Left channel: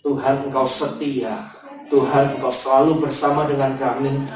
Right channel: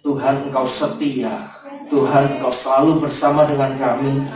Tuhan, Engkau setia. Tuhan, Engkau selalu bersama dengan kami.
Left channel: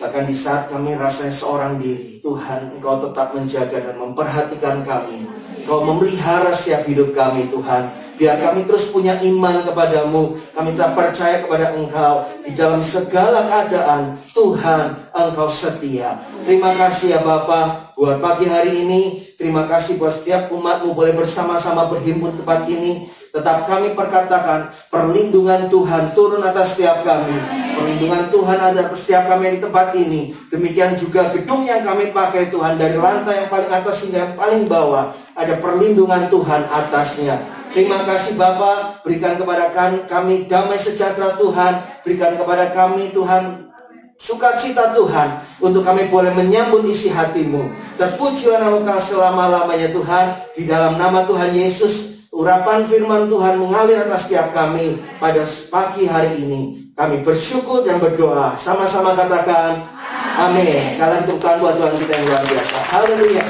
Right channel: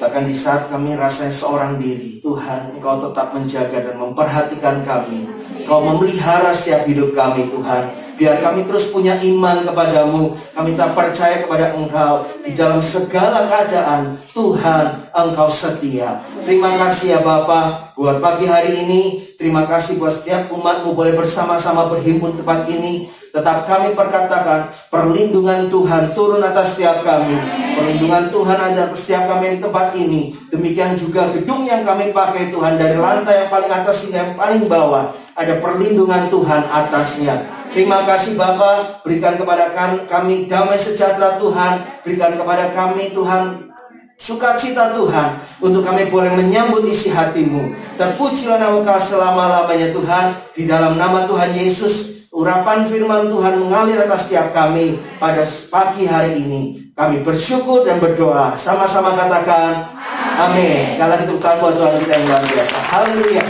Bahkan di saat kami rasanya seorang diri, Tuhan, Engkau tetap menjaga dan memperhatikan kami. Engkau memelihara setiap hidup kami, Tuhan. Biar kami terus punya iman kepadamu. Kami tak percaya kepada Engkau di dalam segala keadaan. Tuhan, Engkau setia. Terima kasih ya Bapa buat pagi hari ini. Terima kasih buat setiap umat-Mu boleh bersama-sama berhimpun tempat ini. Tetap kami perkatakan, perlindungan Tuhan turun atas setiap kami. Perlindungan Tuhan ada atas setiap kami yang di tempat ini. Demikian juga gedung yang kami pakai Tuhan, dari lantai yang paling atas hingga yang paling bawah, ada perlindungan Tuhan atasnya. Terima kasih Bapa, berikan kepada kami damai sejahtera Tuhan. Berikan kepada kami Tuhan sukacita Tuhan, untuk kami boleh menyambut isi hati-Mu. Terpujilah nama Kau selama-lamanya Tuhan. Di dalam nama Tuhan Yesus, urapan firman Tuhan mengalir atas setiap kami pada pagi hari ini. Kami bersyukur dan berdoa. Sama-sama katakan amin. Sekali lagi tepuk tangan buat Tuhan kita yang luar biasa. Haleluya.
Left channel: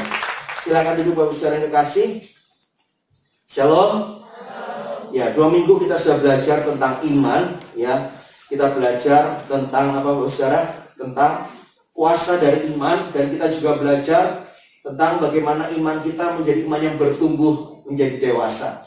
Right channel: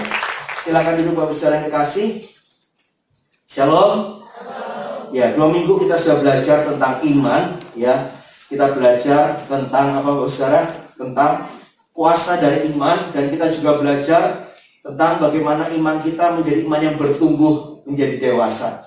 Silakan duduk Bapak Saudara yang kekasih. Shalom. Ya, 2 minggu kita sudah belajar tentang iman. Ya, kita belajar tentang apa Bapak Saudara? Tentang kuasa dari iman. Dan kita juga belajar tentang bagaimana iman kita menjadi iman yang bertumbuh menjadi dewasa.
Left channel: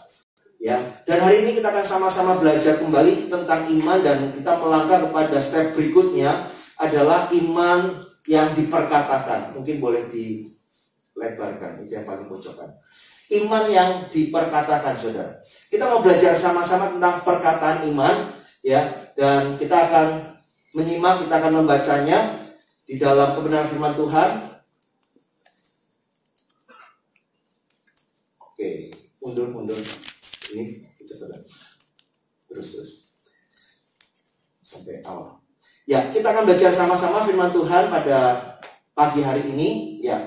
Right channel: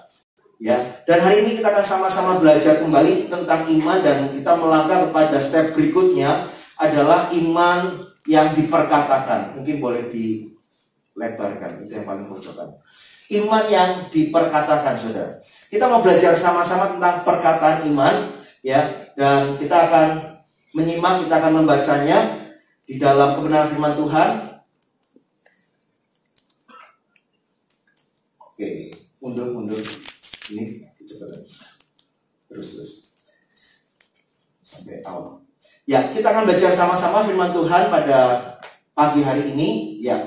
Ya, dan hari ini kita akan sama-sama belajar kembali tentang iman, dan kita melangkah kepada step berikutnya adalah iman yang diperkatakan. Mungkin boleh dilebarkan, itu yang paling pojokan. Iman yang diperkatakan, saudara. Kita mau belajar sama-sama tentang perkataan iman, ya, dan kita akan menyimak, kita akan membacanya di dalam kebenaran firman Tuhan. Oke, mundur. Ini kecepatan. Terus. Sampai awal. Ya, kita akan belajar sama-sama firman Tuhan pada pagi hari ini, ya.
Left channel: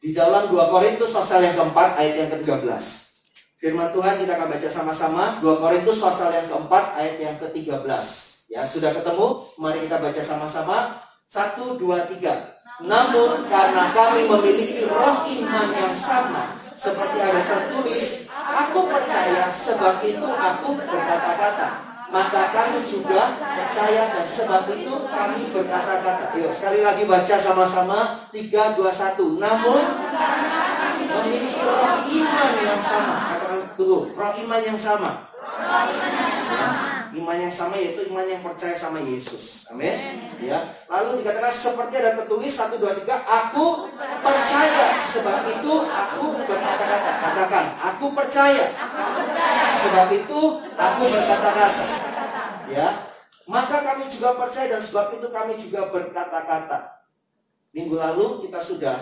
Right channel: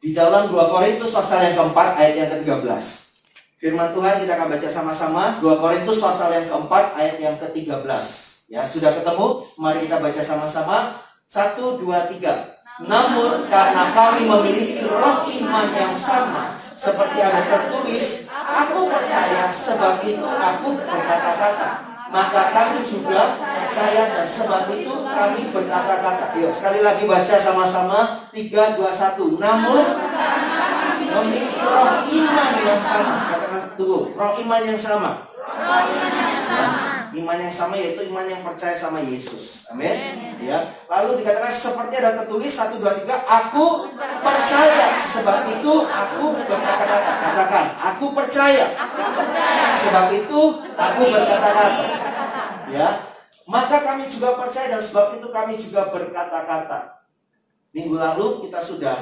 Di dalam 2 Korintus pasal yang keempat ayat yang ke-13. Firman Tuhan kita akan baca sama-sama. 2 Korintus pasal yang keempat ayat yang ke-13. Ya, sudah ketemu? Mari kita baca sama-sama. 1, 2, 3. Namun karena kami memiliki roh iman yang sama, seperti ada tertulis, aku percaya sebab itu aku berkata-kata. Maka kami juga percaya dan sebab itu kami berkata-kata. Yuk sekali lagi baca sama-sama. 3, 2, 1. Namun memiliki roh iman yang sama. Katakan tunggu, roh iman yang sama. Iman yang sama yaitu iman yang percaya sama Yesus. Amin. Ya. Lalu dikatakan seperti ada tertulis 1, 2, 3. Aku percaya sebab itu aku berkata-kata. Katakan, aku percaya. Sebab itu aku berkata-kata. Ya. Maka kami juga percaya dan sebab itu kami juga berkata-kata. Minggu lalu kita sudah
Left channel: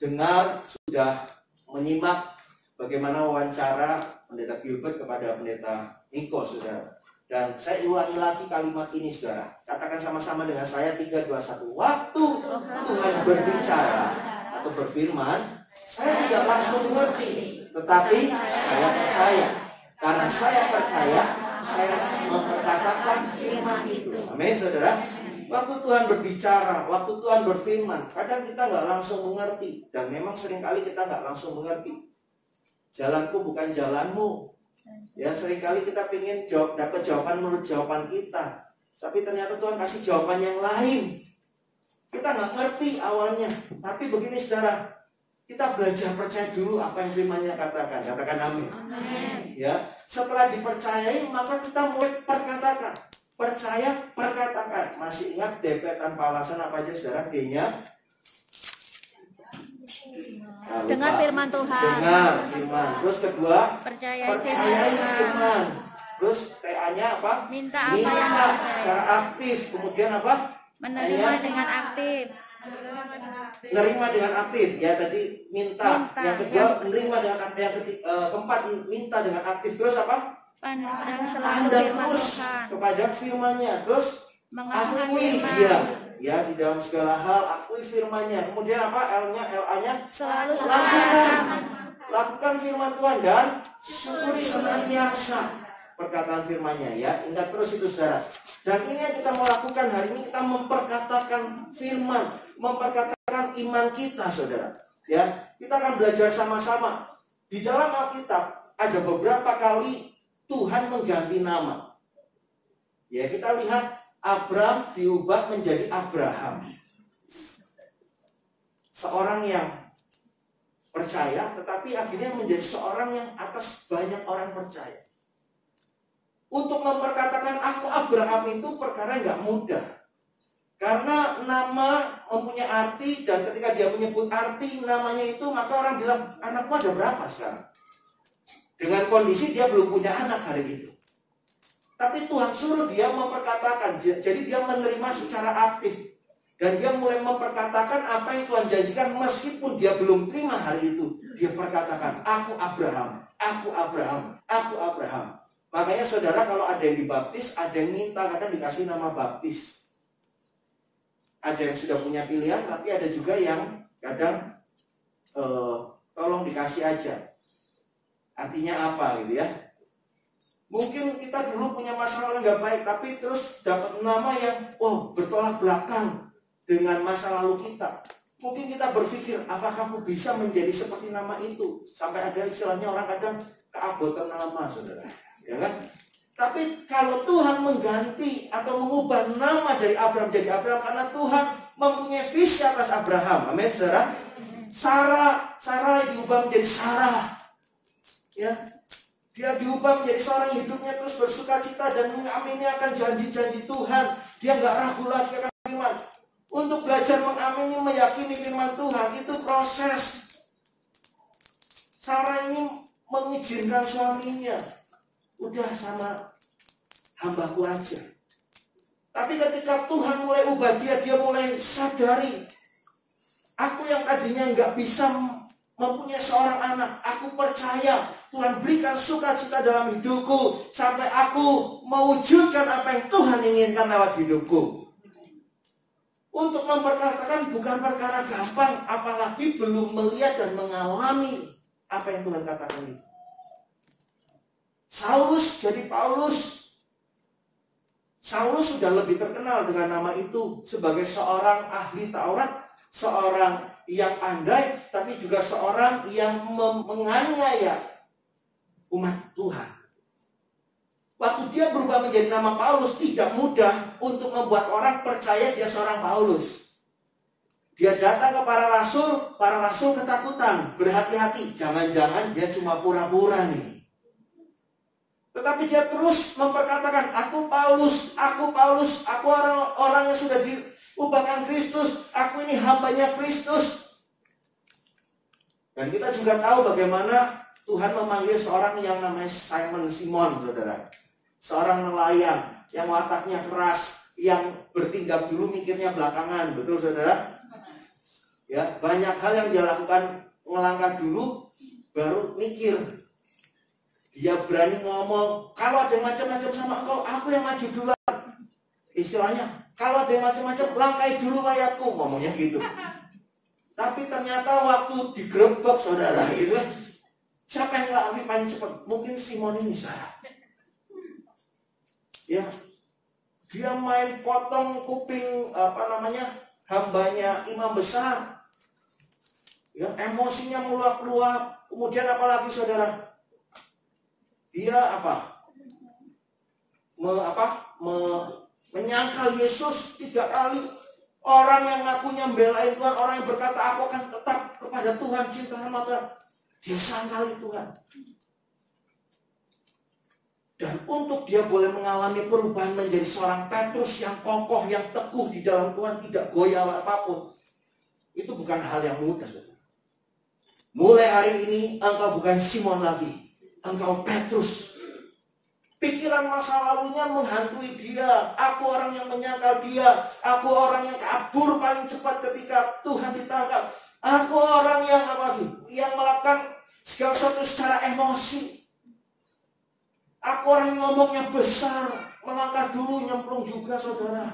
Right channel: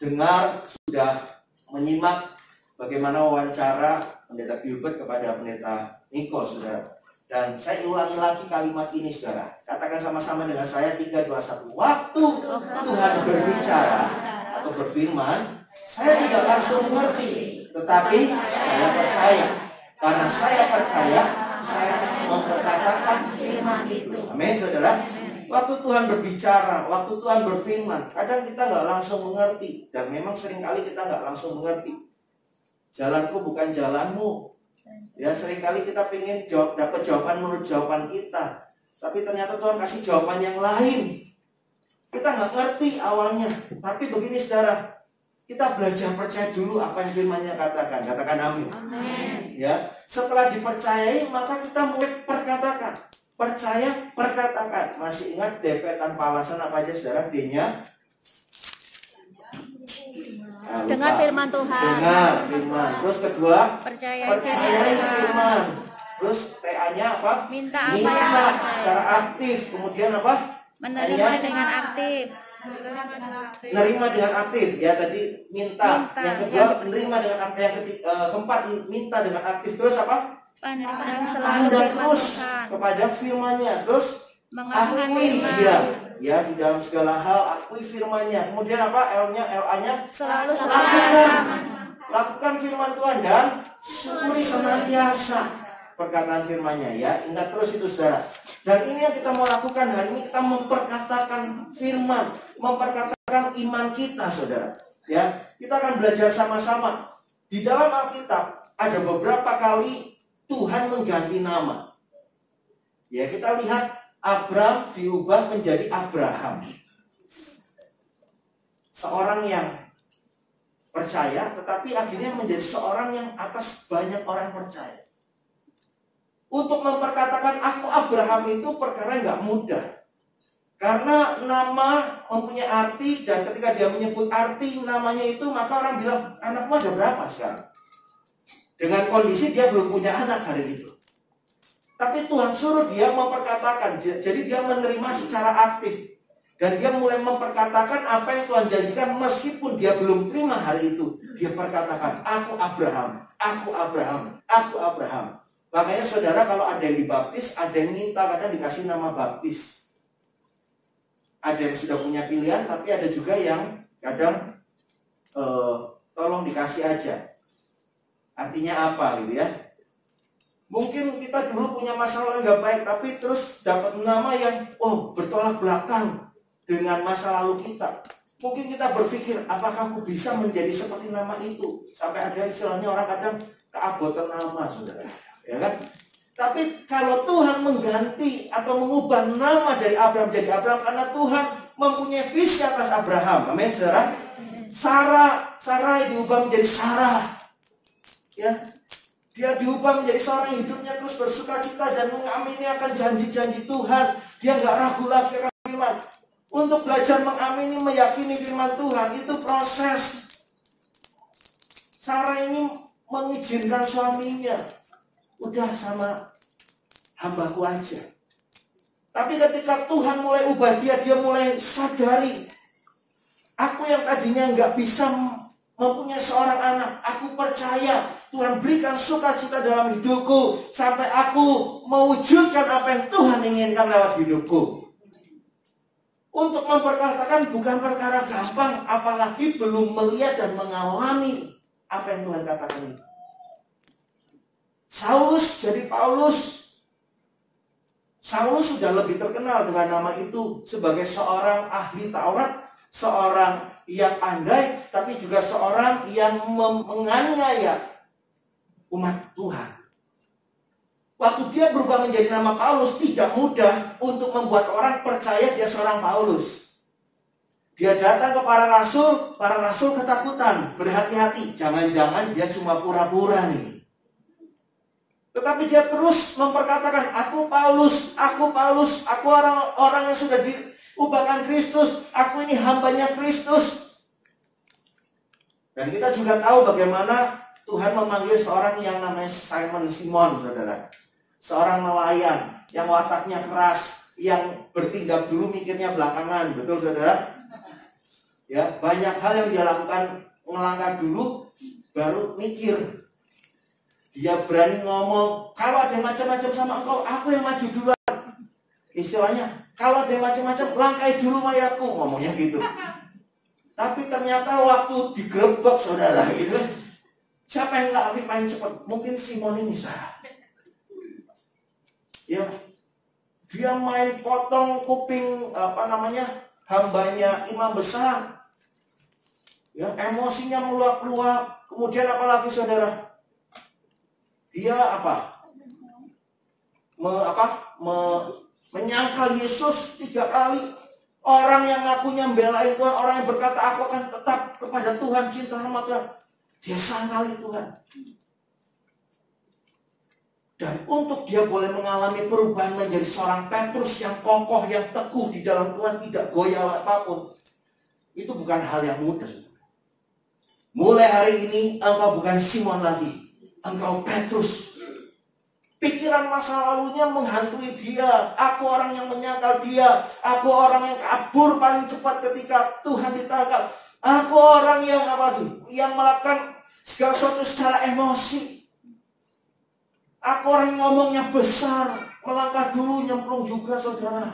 dengar, sudah menyimak bagaimana wawancara Pendeta Gilbert kepada Pendeta Niko, saudara. Dan saya ulangi lagi kalimat ini, saudara. Katakan sama-sama dengan saya. 3, 2, 1. Waktu Tuhan berbicara atau berfirman, saya tidak langsung mengerti, tetapi saya percaya. Karena saya percaya, saya memperkatakan firman itu. Amin, saudara. Waktu Tuhan berbicara, waktu Tuhan berfirman, kadang kita nggak langsung mengerti. Dan memang seringkali kita nggak langsung mengerti. Jalanku bukan jalanmu. Ya, seringkali kita ingin dapat jawaban menurut jawaban kita. Tapi ternyata Tuhan kasih jawaban yang lain. Kita nggak ngerti awalnya. Tapi begini saudara, kita belajar percaya dulu apa yang firman-Nya katakan. Katakan amin. Amin. Ya, setelah dipercayai maka kita mulai perkatakan. Percaya, perkatakan. Masih ingat DP tanpa alasan apa aja saudara? D-nya Dengar firman Tuhan. Dengar firman. Terus kedua, Percayai percayai firman. firman. Terus TA-nya apa? Minta apa yang Minta percaya. secara aktif. Kemudian apa? Menerima Nya, dengan aktif. nerima dengan aktif. Ya tadi minta. Minta. Yang kedua menerima dengan aktif. Yang keempat minta dengan aktif. Terus apa? Pandang selalu Pandang firman terus Tuhan. kepada firman-Nya. Terus Mengakui akui firman. dia. Ya di dalam segala hal akui firman-Nya. Kemudian apa? LA-nya Selalu senantiasa lakukan firman Tuhan dan syukuri senantiasa perkataan firman-Nya ya. Ingat terus itu saudara. Dan ini yang kita mau lakukan hari ini, kita memperkatakan firman, memperkatakan iman kita saudara. Ya, kita akan belajar sama-sama. Di dalam Alkitab ada beberapa kali Tuhan mengganti nama. Ya, kita lihat Abram diubah menjadi Abraham. Seorang yang percaya tetapi akhirnya menjadi seorang yang atas banyak orang percaya. Untuk memperkatakan aku Abraham itu perkara nggak mudah. Karena nama mempunyai arti, dan ketika dia menyebut arti namanya itu, maka orang bilang, anakmu ada berapa sekarang? Dengan kondisi dia belum punya anak hari itu. Tapi Tuhan suruh dia memperkatakan, jadi dia menerima secara aktif. Dan dia mulai memperkatakan apa yang Tuhan janjikan meskipun dia belum terima hari itu. Dia perkatakan, aku Abraham, aku Abraham, aku Abraham. Makanya saudara kalau ada yang dibaptis, ada yang minta kadang dikasih nama baptis. Ada yang sudah punya pilihan, tapi ada juga yang kadang tolong dikasih aja. Artinya apa gitu ya? Mungkin kita dulu punya masalah nggak baik, tapi terus dapat nama yang bertolak belakang dengan masa lalu kita. Mungkin kita berpikir, apakah aku bisa menjadi seperti nama itu? Sampai ada istilahnya orang kadang keabotan nama, saudara. Ya kan? Tapi kalau Tuhan mengganti atau mengubah nama dari Abraham jadi Abraham, karena Tuhan mempunyai visi atas Abraham. Amin, saudara. Sarah diubah menjadi Sarah. Ya, dia diubah menjadi seorang hidupnya terus bersuka cita dan mengamini akan janji-janji Tuhan. Dia nggak ragu lagi akan firman. Untuk belajar mengamini, meyakini firman Tuhan itu proses. Sarah ini mengizinkan suaminya, udah sama hambaku aja. Tapi ketika Tuhan mulai ubah dia mulai sadari, aku yang tadinya nggak bisa mempunyai seorang anak, aku percaya Tuhan berikan sukacita dalam hidupku sampai aku mewujudkan apa yang Tuhan inginkan lewat hidupku. Untuk memperkatakan bukan perkara gampang, apalagi belum melihat dan mengalami apa yang Tuhan katakan itu. Saulus jadi Paulus. Saulus sudah lebih terkenal dengan nama itu sebagai seorang ahli Taurat, seorang yang pandai, tapi juga seorang yang menganiaya umat Tuhan. Waktu dia berubah menjadi nama Paulus, tidak mudah untuk membuat orang percaya dia seorang Paulus. Dia datang ke para rasul ketakutan, berhati-hati, jangan-jangan dia cuma pura-pura nih. Tetapi dia terus memperkatakan, aku Paulus, aku orang yang sudah diubahkan Kristus, aku ini hambanya Kristus. Dan kita juga tahu bagaimana Tuhan memanggil seorang yang namanya Simon, saudara. Seorang nelayan yang wataknya keras, yang bertindak dulu mikirnya belakangan, betul saudara? Ya, banyak hal yang dia lakukan, ngelangkah dulu, baru mikir. Dia berani ngomong, kalau ada yang macam-macam sama engkau, aku yang maju duluan. Istilahnya, kalau ada yang macam-macam, langkai dulu mayatku, ngomongnya gitu. Tapi ternyata waktu digerebek saudara gitu, siapa yang lari paling cepat? Mungkin Simon ini salah. Ya, Dia main potong kuping hambanya imam besar. Ya, emosinya meluap-luap. Kemudian apalagi saudara? Dia menyangkal Yesus 3 kali. Orang yang ngakunya membelain Tuhan, orang yang berkata aku akan tetap kepada Tuhan, cinta sama Tuhan, dia sangkali Tuhan. Dan untuk dia boleh mengalami perubahan menjadi seorang Petrus yang kokoh, yang teguh di dalam Tuhan, tidak goyah apapun, itu bukan hal yang mudah. Mulai hari ini engkau bukan Simon lagi, engkau Petrus. Pikiran masa lalunya menghantui dia. Aku orang yang menyangkal dia. Aku orang yang kabur paling cepat ketika Tuhan ditangkap. Aku orang yang yang melakukan segala sesuatu secara emosi. Aku orang yang ngomongnya besar, melangkah dulu, nyemplung juga saudara.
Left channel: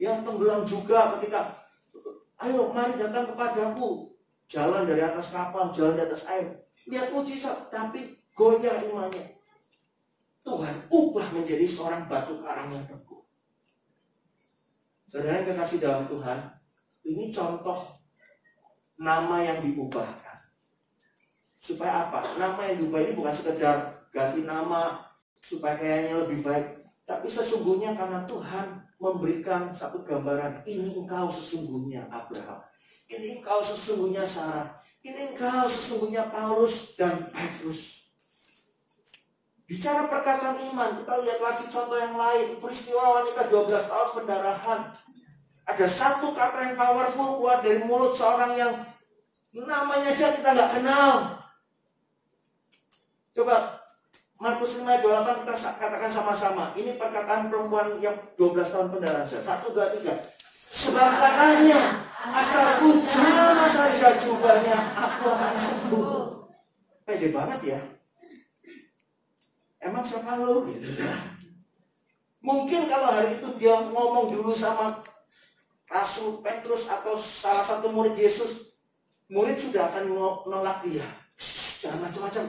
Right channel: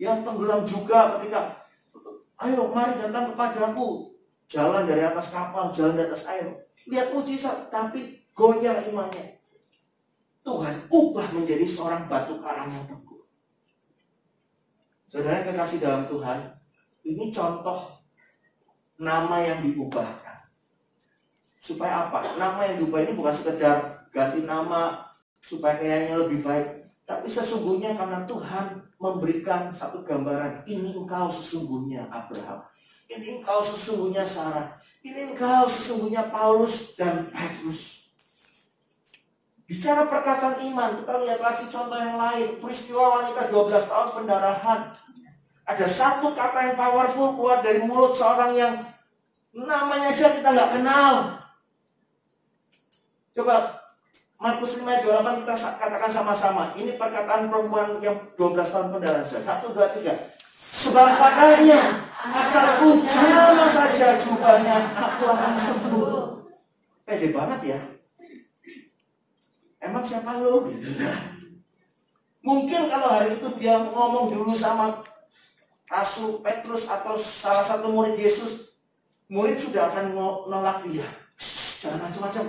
Yang tenggelam juga ketika, ayo mari datang kepadaku. Jalan dari atas kapal, jalan di atas air. Lihat mujizat, tapi goyah imannya. Tuhan ubah menjadi seorang batu karang yang teguh. Saudara yang kekasih dalam Tuhan, ini contoh nama yang diubahkan. Supaya apa? Nama yang diubah ini bukan sekedar ganti nama supaya kayaknya lebih baik, tapi sesungguhnya karena Tuhan memberikan satu gambaran, ini engkau sesungguhnya Abraham, ini engkau sesungguhnya Sarah, ini engkau sesungguhnya Paulus dan Petrus. Bicara perkataan iman, kita lihat lagi contoh yang lain. Peristiwa wanita 12 tahun pendarahan. Ada satu kata yang powerful keluar dari mulut seorang yang namanya aja kita nggak kenal. Coba Markus 5 ayat 28 kita katakan sama-sama. Ini perkataan perempuan yang 12 tahun pendarahan. 1, 2, 3. Sebab katanya, asal jamah saja jubahnya, aku akan sembuh. Pede banget ya. Emang siapa lo? Mungkin kalau hari itu dia ngomong dulu sama Rasul Petrus atau salah satu murid Yesus, murid sudah akan nolak dia. Jangan macam-macam.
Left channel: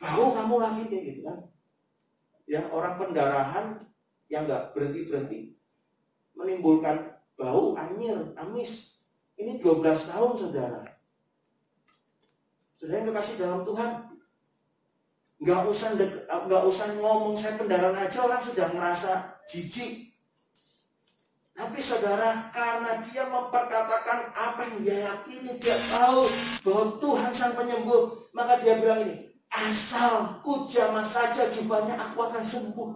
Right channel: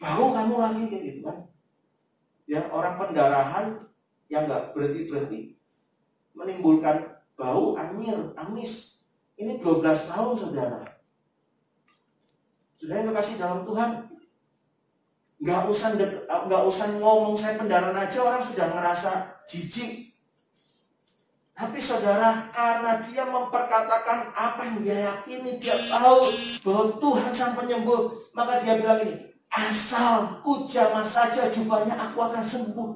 Mau kamu lagi kayak gitu kan? Ya, orang pendarahan yang nggak berhenti-berhenti menimbulkan bau anyir, amis. Ini 12 tahun saudara. Saudara yang kekasih dalam Tuhan, Gak usah ngomong saya pendarahan aja orang sudah ngerasa jijik. Tapi saudara, karena dia memperkatakan apa yang dia yakini, dia tahu bahwa Tuhan sang penyembuh, maka dia bilang ini, asal jamah saja jubahnya aku akan sembuh.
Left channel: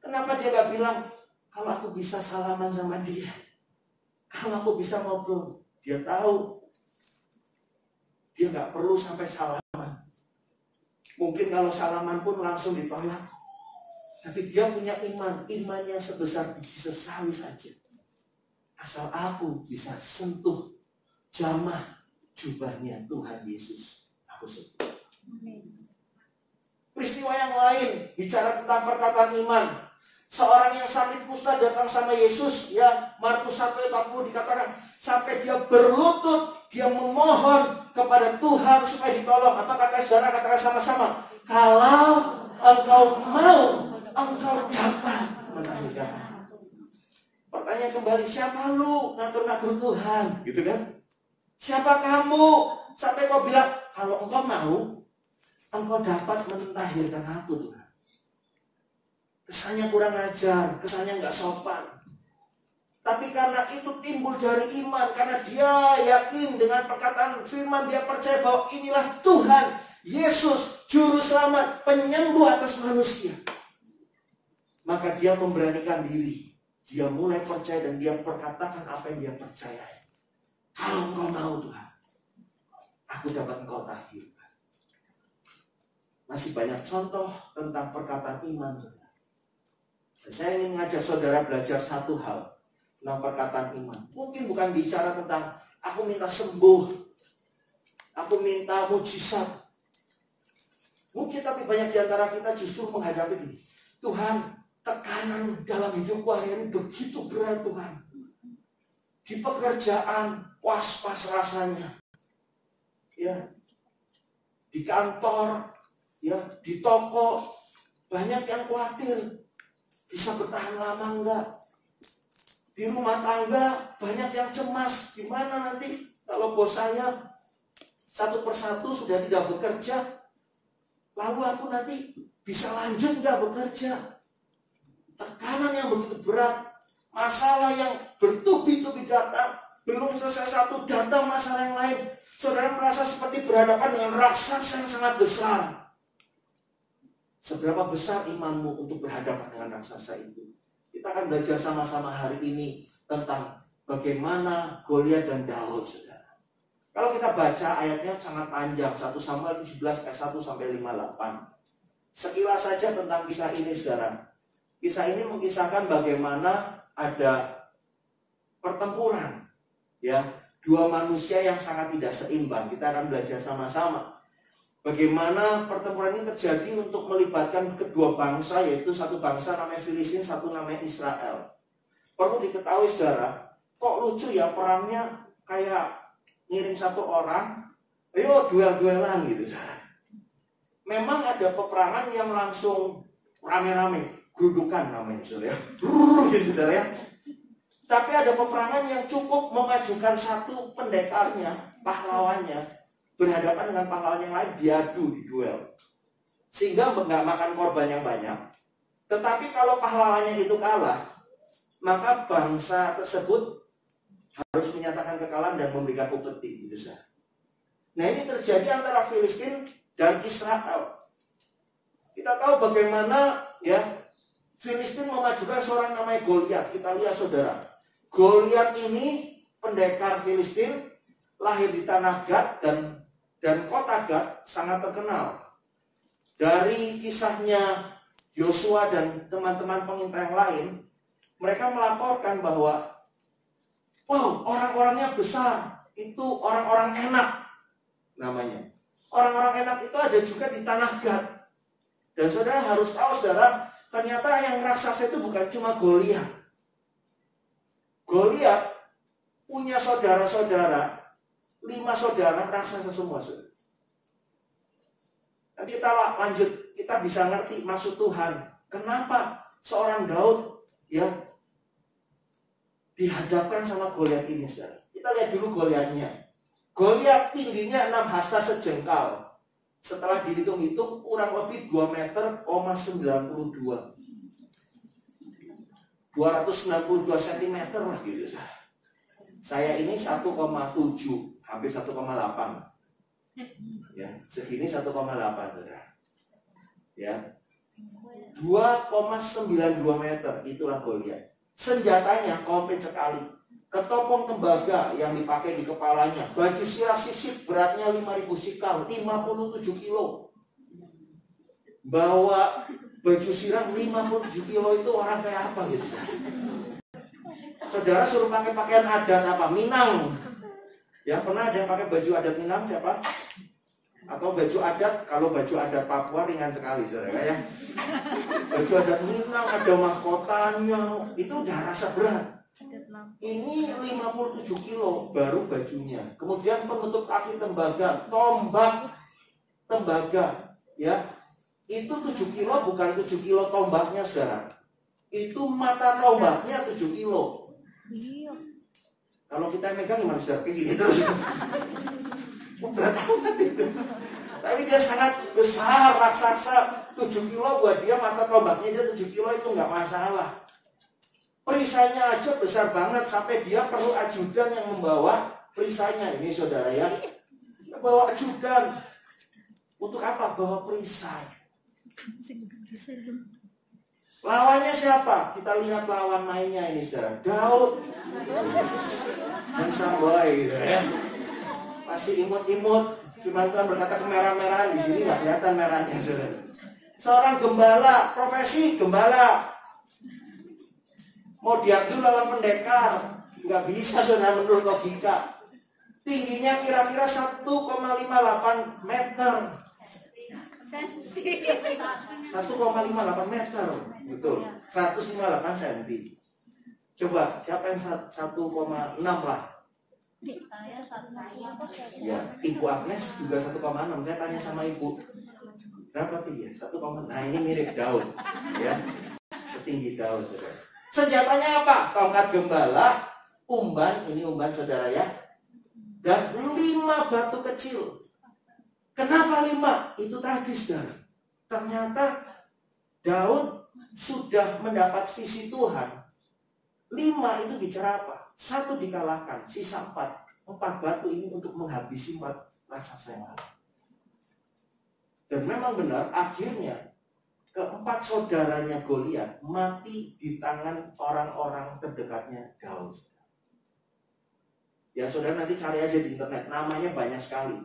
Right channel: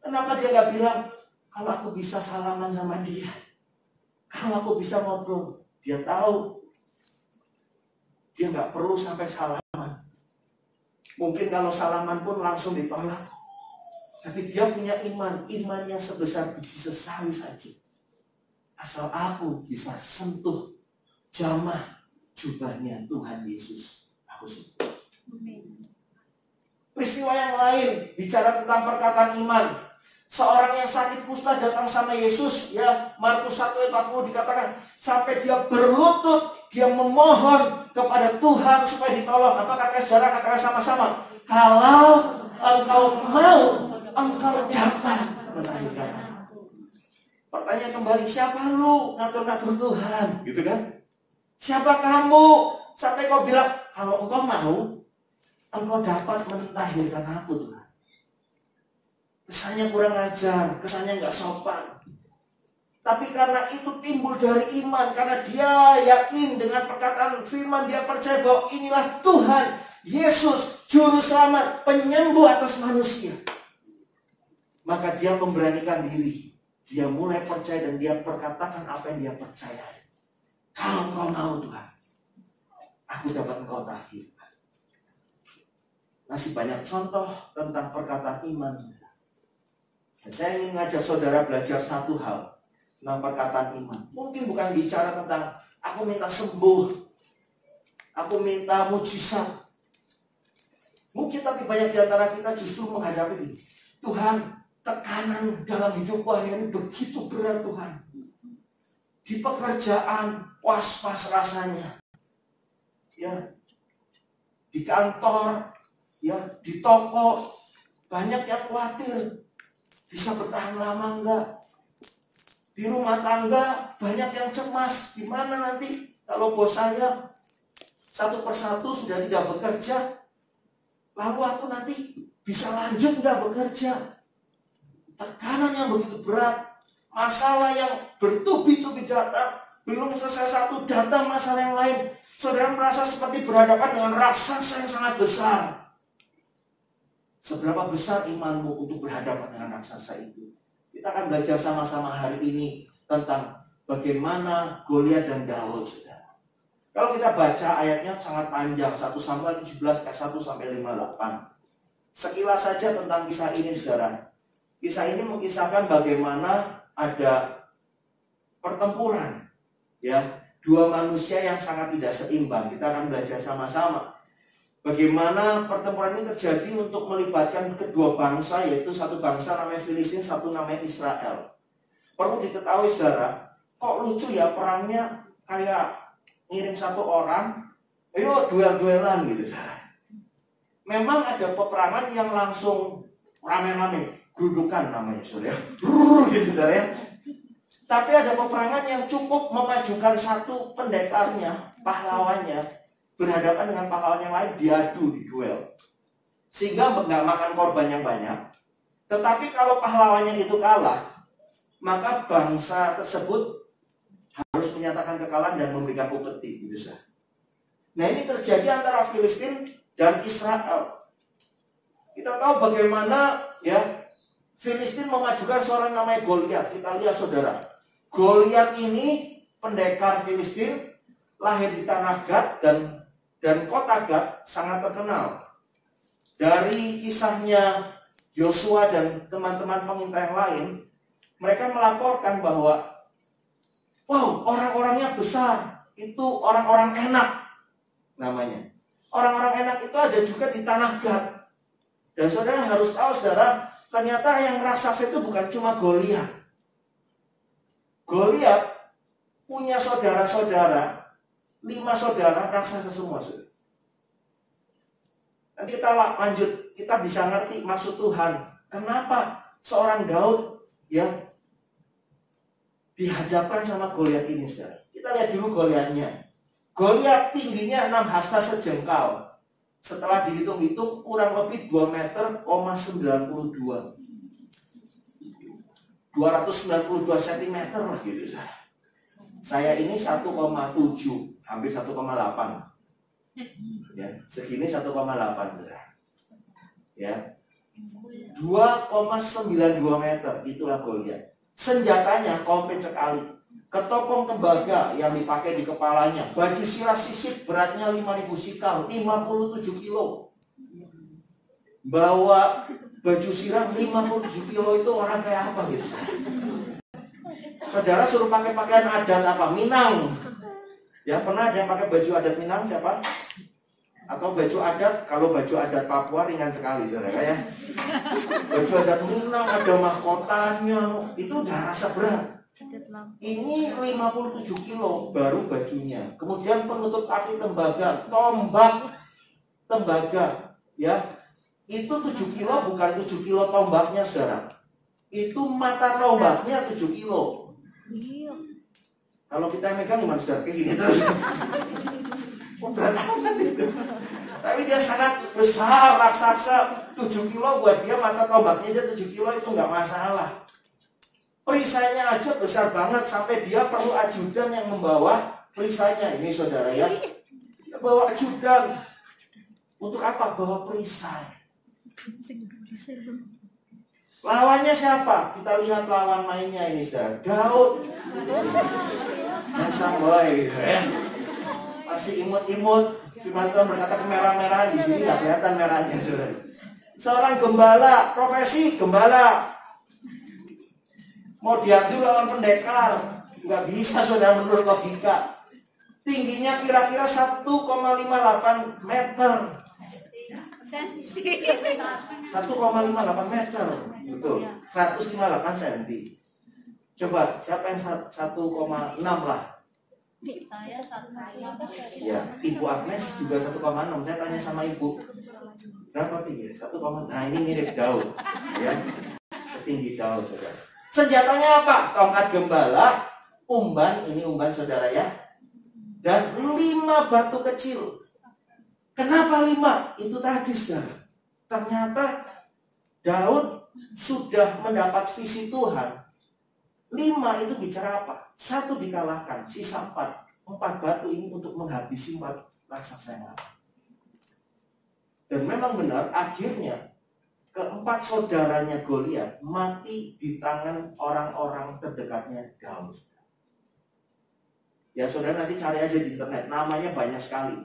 Kenapa dia gak bilang, kalau aku bisa salaman sama dia, kalau aku bisa ngobrol? Dia tahu dia gak perlu sampai salaman. Mungkin kalau salaman pun langsung ditolak. Tapi dia punya iman yang sebesar biji sesawi saja. Asal aku bisa sentuh jamah jubahnya Tuhan Yesus, aku sembuh. Peristiwa yang lain bicara tentang perkataan iman. Seorang yang sakit kusta datang sama Yesus, ya, Markus 1 ayat 40 dikatakan sampai dia berlutut, dia memohon kepada Tuhan supaya ditolong. Apa kata saudara? Katakan sama-sama. Kalau engkau mau, engkau dapat melahirkan. Pertanyaan kembali, siapa lu ngatur-ngatur Tuhan? Gitu kan? Siapa kamu? Sampai kau bilang, kalau engkau mau, engkau dapat melahirkan aku Tuhan. Kesannya kurang ajar, kesannya nggak sopan. Tapi karena itu timbul dari iman, karena dia yakin dengan perkataan firman, dia percaya bahwa inilah Tuhan Yesus, juru selamat, penyembuh atas manusia. Maka dia memberanikan diri, dia mulai percaya dan dia perkatakan apa yang dia percaya. Kalau engkau mau Tuhan, aku dapat engkau tahirkan. Masih banyak contoh tentang perkataan iman. Dan saya ingin mengajak saudara belajar satu hal tentang perkataan iman. Mungkin bukan bicara tentang aku minta sembuh, aku minta mujizat. Mungkin tapi banyak di antara kita justru menghadapi ini. Tuhan, tekanan dalam hidupku hari ini begitu berat Tuhan. Di pekerjaan was-was rasanya. Ya. Di kantor, ya, di toko banyak yang khawatir. bisa bertahan lama enggak? Di rumah tangga banyak yang cemas, gimana nanti kalau bos saya satu persatu sudah tidak bekerja, lalu aku nanti bisa lanjut nggak bekerja? Tekanan yang begitu berat, masalah yang bertubi-tubi datang, belum selesai satu datang masalah yang lain. Saudara merasa seperti berhadapan dengan raksasa yang sangat besar. Seberapa besar imanmu untuk berhadapan dengan raksasa itu? Kita akan belajar sama-sama hari ini tentang bagaimana Goliat dan Daud, saudara. Kalau kita baca ayatnya sangat panjang, 1 Samuel 17 ayat 1 sampai 58. Sekilas saja tentang kisah ini, saudara. Kisah ini mengisahkan bagaimana ada pertempuran, ya, dua manusia yang sangat tidak seimbang. Kita akan belajar sama-sama bagaimana pertempuran ini terjadi untuk melibatkan kedua bangsa, yaitu satu bangsa namanya Filistin, satu namanya Israel. Perlu diketahui, saudara, kok lucu ya perangnya kayak ngirim satu orang, ayo duel-duelan gitu, saudara. Memang ada peperangan yang langsung rame-rame, gerudukan namanya, saudara, gitu, saudara. Tapi ada peperangan yang cukup memajukan satu pendekarnya, pahlawannya, berhadapan dengan pahlawan yang lain, diadu di duel, sehingga nggak makan korban yang banyak. Tetapi kalau pahlawannya itu kalah, maka bangsa tersebut harus menyatakan kekalahan dan memberikan upeti, gitu saja. Nah, ini terjadi antara Filistin dan Israel. Kita tahu bagaimana, ya, Filistin memajukan seorang namanya Goliat. Kita lihat, saudara, Goliat ini pendekar Filistin, lahir di tanah Gad, dan kota Gad sangat terkenal. Dari kisahnya Yosua dan teman-teman pengintai yang lain, mereka melaporkan bahwa wow, orang-orangnya besar, itu orang-orang enak namanya. Orang-orang enak itu ada juga di tanah Gad. Dan saudara harus tahu, saudara, ternyata yang raksasa itu bukan cuma Goliat. Goliat punya saudara-saudara, 5 saudara raksasa semua, saudara. Nanti kita lanjut, kita bisa ngerti maksud Tuhan. Kenapa seorang Daud, ya, dihadapkan sama Goliat ini, saudara. Kita lihat dulu Goliatnya. Goliat tingginya 6 hasta sejengkal. Setelah dihitung-hitung kurang lebih 2 meter, 92. 292 cm lah gitu, saudara. Saya ini 1,7, hampir 1,8. Ya, segini 1,8, saudara. Ya. 2,92 meter, itulah Goliat. Senjatanya komplit sekali. Ketopong tembaga yang dipakai di kepalanya, baju sirah sisip beratnya 5.000 sikal, 57 kilo. Bawa baju sirah 57 kilo itu orang kayak apa gitu, saudara? Suruh pakai pakaian adat apa? Minang. Ya, pernah ada yang pakai baju adat Minang siapa? Atau baju adat, kalau baju adat Papua ringan sekali, saudara, ya. Baju adat Minang ada mahkotanya, itu udah rasa berat. Ini 57 kilo baru bajunya. Kemudian penutup kaki tembaga, tombak tembaga, ya. Itu 7 kilo, bukan 7 kilo tombaknya, saudara. Itu mata tombaknya 7 kilo. Kalau kita megang gimana, saudara? Kayak gini terus. Berat amat itu. Tapi dia sangat besar, raksasa. 7 kilo buat dia, mata tombaknya aja 7 kilo itu nggak masalah. Perisainya aja besar banget, sampai dia perlu ajudan yang membawa perisainya. Ini, saudara, ya. Dia bawa ajudan. Untuk apa? Bawa perisai. Lawannya siapa? Kita lihat lawan mainnya ini, saudara. Daud. Handsome boy, gitu, ya. Masih imut-imut. Firman Tuhan berkata kemerah-merahan. Di sini nggak kelihatan merahnya, saudara. Seorang gembala, profesi gembala. Mau diadu lawan pendekar, nggak bisa, saudara, menurut logika. Tingginya kira-kira 1,58 meter. 1,58 meter, betul. 158 cm. Coba siapa yang 1,6 lah? Ya, Ibu Agnes juga 1,6. Saya tanya sama Ibu, berapa tinggi? 1,6. Nah, ini mirip Daud, ya. setinggi daun, saudara. Senjatanya apa? Tongkat gembala, umban, ini umban saudara ya, dan 5 batu kecil. Kenapa 5? Itu tadi saudara. Ternyata Daud sudah mendapat visi Tuhan. 5 itu bicara apa? 1 dikalahkan, sisa 4. 4 batu ini untuk menghabisi 4 raksasa yang ada. Dan memang benar, akhirnya keempat saudaranya Goliat mati di tangan orang-orang terdekatnya Daud. Ya saudara nanti cari aja di internet, namanya banyak sekali.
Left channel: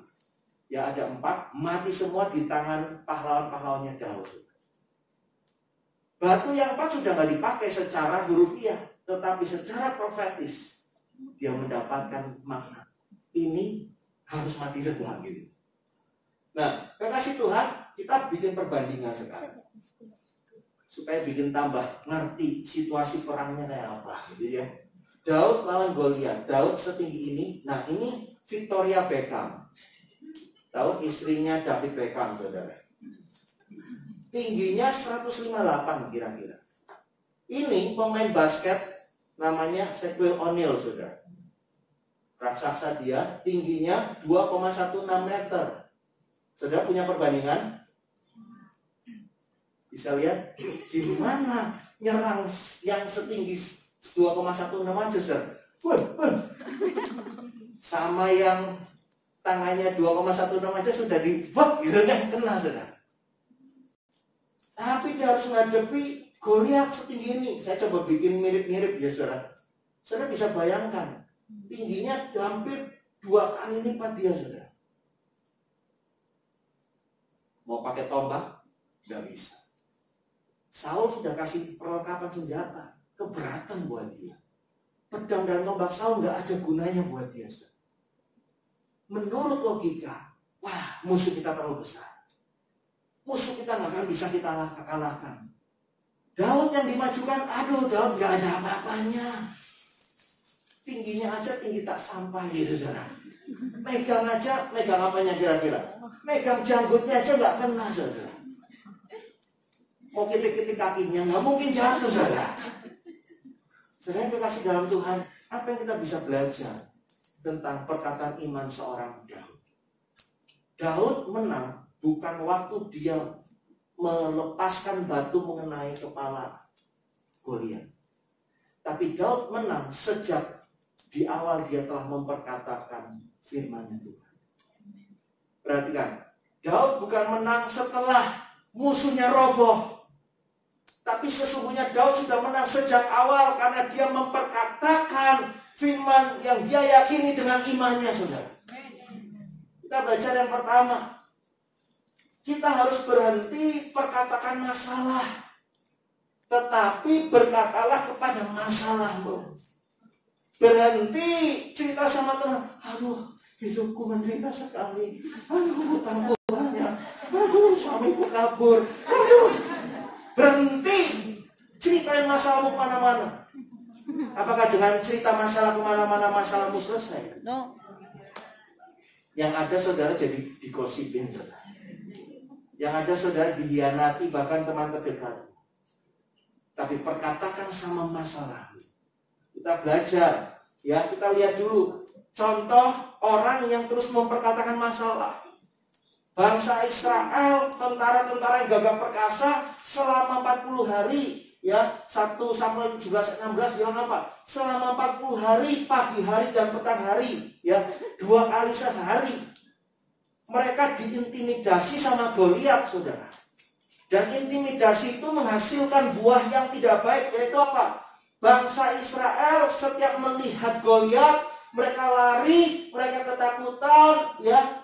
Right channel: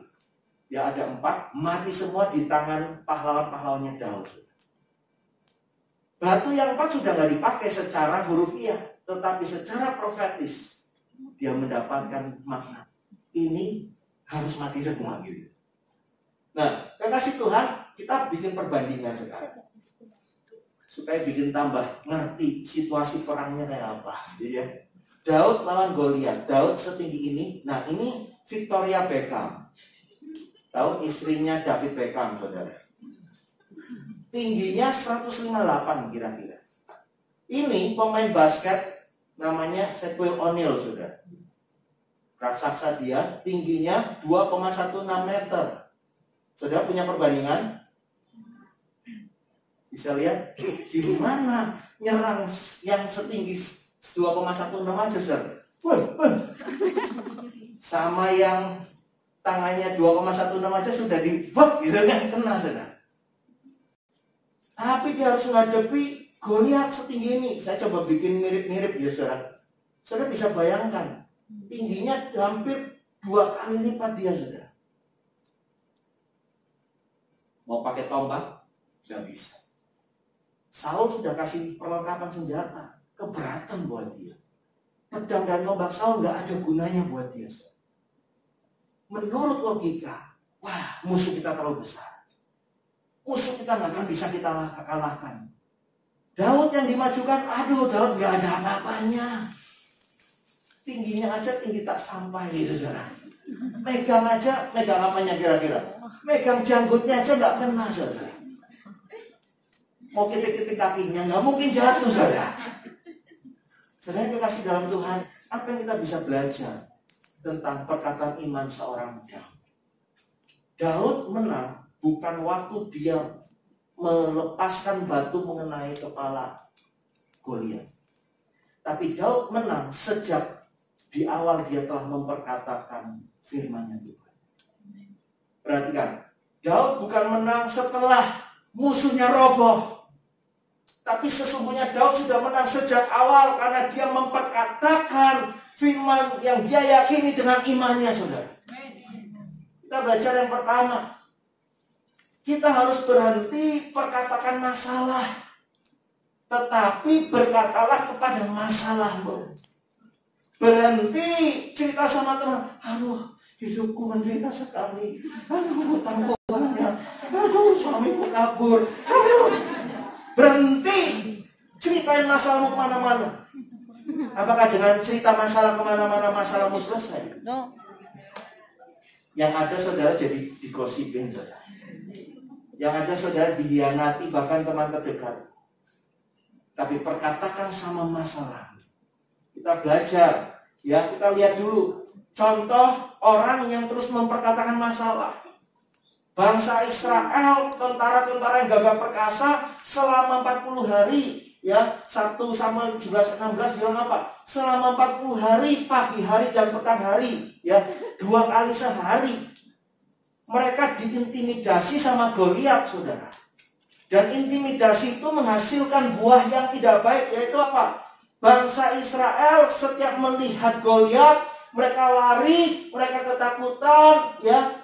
Ya ada 4, mati semua di tangan pahlawan-pahlawannya Daud. Batu yang 4 sudah nggak dipakai secara hurufiah, tetapi secara profetis dia mendapatkan makna. Ini harus mati semua gitu. Nah, kekasih Tuhan, kita bikin perbandingan sekarang supaya bikin tambah ngerti situasi perangnya kayak apa gitu ya. Daud lawan Goliat. Daud setinggi ini. Nah, ini Victoria Beckham. Tahu istrinya David Beckham, saudara. Tingginya 158 kira-kira. Ini pemain basket namanya Shaquille O'Neal, saudara. Raksasa dia, tingginya 2,16 meter. Saudara punya perbandingan? Bisa lihat gimana nyerang yang setinggi 2,16 aja, saudara. Sama yang tangannya 2,16 aja sudah gitu kan, kena saudara. Tapi dia harus menghadapi Goliat setinggi ini. Saya coba bikin mirip-mirip ya saudara. Saudara bisa bayangkan, tingginya hampir 2 kali lipat dia saudara. Mau pakai tombak? Gak bisa. Saul sudah kasih perlengkapan senjata, keberatan buat dia. Pedang dan tombak Saul gak ada gunanya buat dia. Menurut logika, wah musuh kita terlalu besar. Musuh kita gak akan bisa kita kalahkan. Daud yang dimajukan, aduh Daud gak ada apa-apanya. Tingginya aja tinggi tak sampai gitu saudara. Megang aja, megang apanya kira-kira? Megang janggutnya aja gak kena saudara. Mau ketik-ketik kakinya gak mungkin jatuh saudara. Saudara dikasih dalam Tuhan, apa yang kita bisa belajar tentang perkataan iman seorang Daud? Daud menang bukan waktu dia melepaskan batu mengenai kepala Goliat. Tapi Daud menang sejak di awal dia telah memperkatakan firman-Nya Tuhan. Perhatikan, Daud bukan menang setelah musuhnya roboh. Tapi sesungguhnya Daud sudah menang sejak awal karena dia memperkatakan firman yang dia yakini dengan imannya, saudara. Kita belajar yang pertama. Kita harus berhenti perkatakan masalah. Tetapi berkatalah kepada masalahmu. Berhenti cerita sama teman. Aduh, hidupku menderita sekali. Aduh, hutangku banyak. Aduh, suamiku kabur. Aduh. Berhenti ceritain masalahmu kemana-mana. Apakah dengan cerita masalah kemana-mana masalahmu selesai? No. Yang ada saudara jadi digosipin, saudara. Yang ada saudara dihianati bahkan teman terdekat. Tapi perkatakan sama masalah. Kita belajar, ya kita lihat dulu contoh orang yang terus memperkatakan masalah. Bangsa Israel, tentara-tentara yang gagah perkasa selama 40 hari, ya 1 Samuel 16 bilang apa? Selama 40 hari, pagi hari dan petang hari, ya 2 kali sehari. Mereka diintimidasi sama Goliat, saudara. Dan intimidasi itu menghasilkan buah yang tidak baik, yaitu apa? Bangsa Israel setiap melihat Goliat, mereka lari, mereka ketakutan, ya.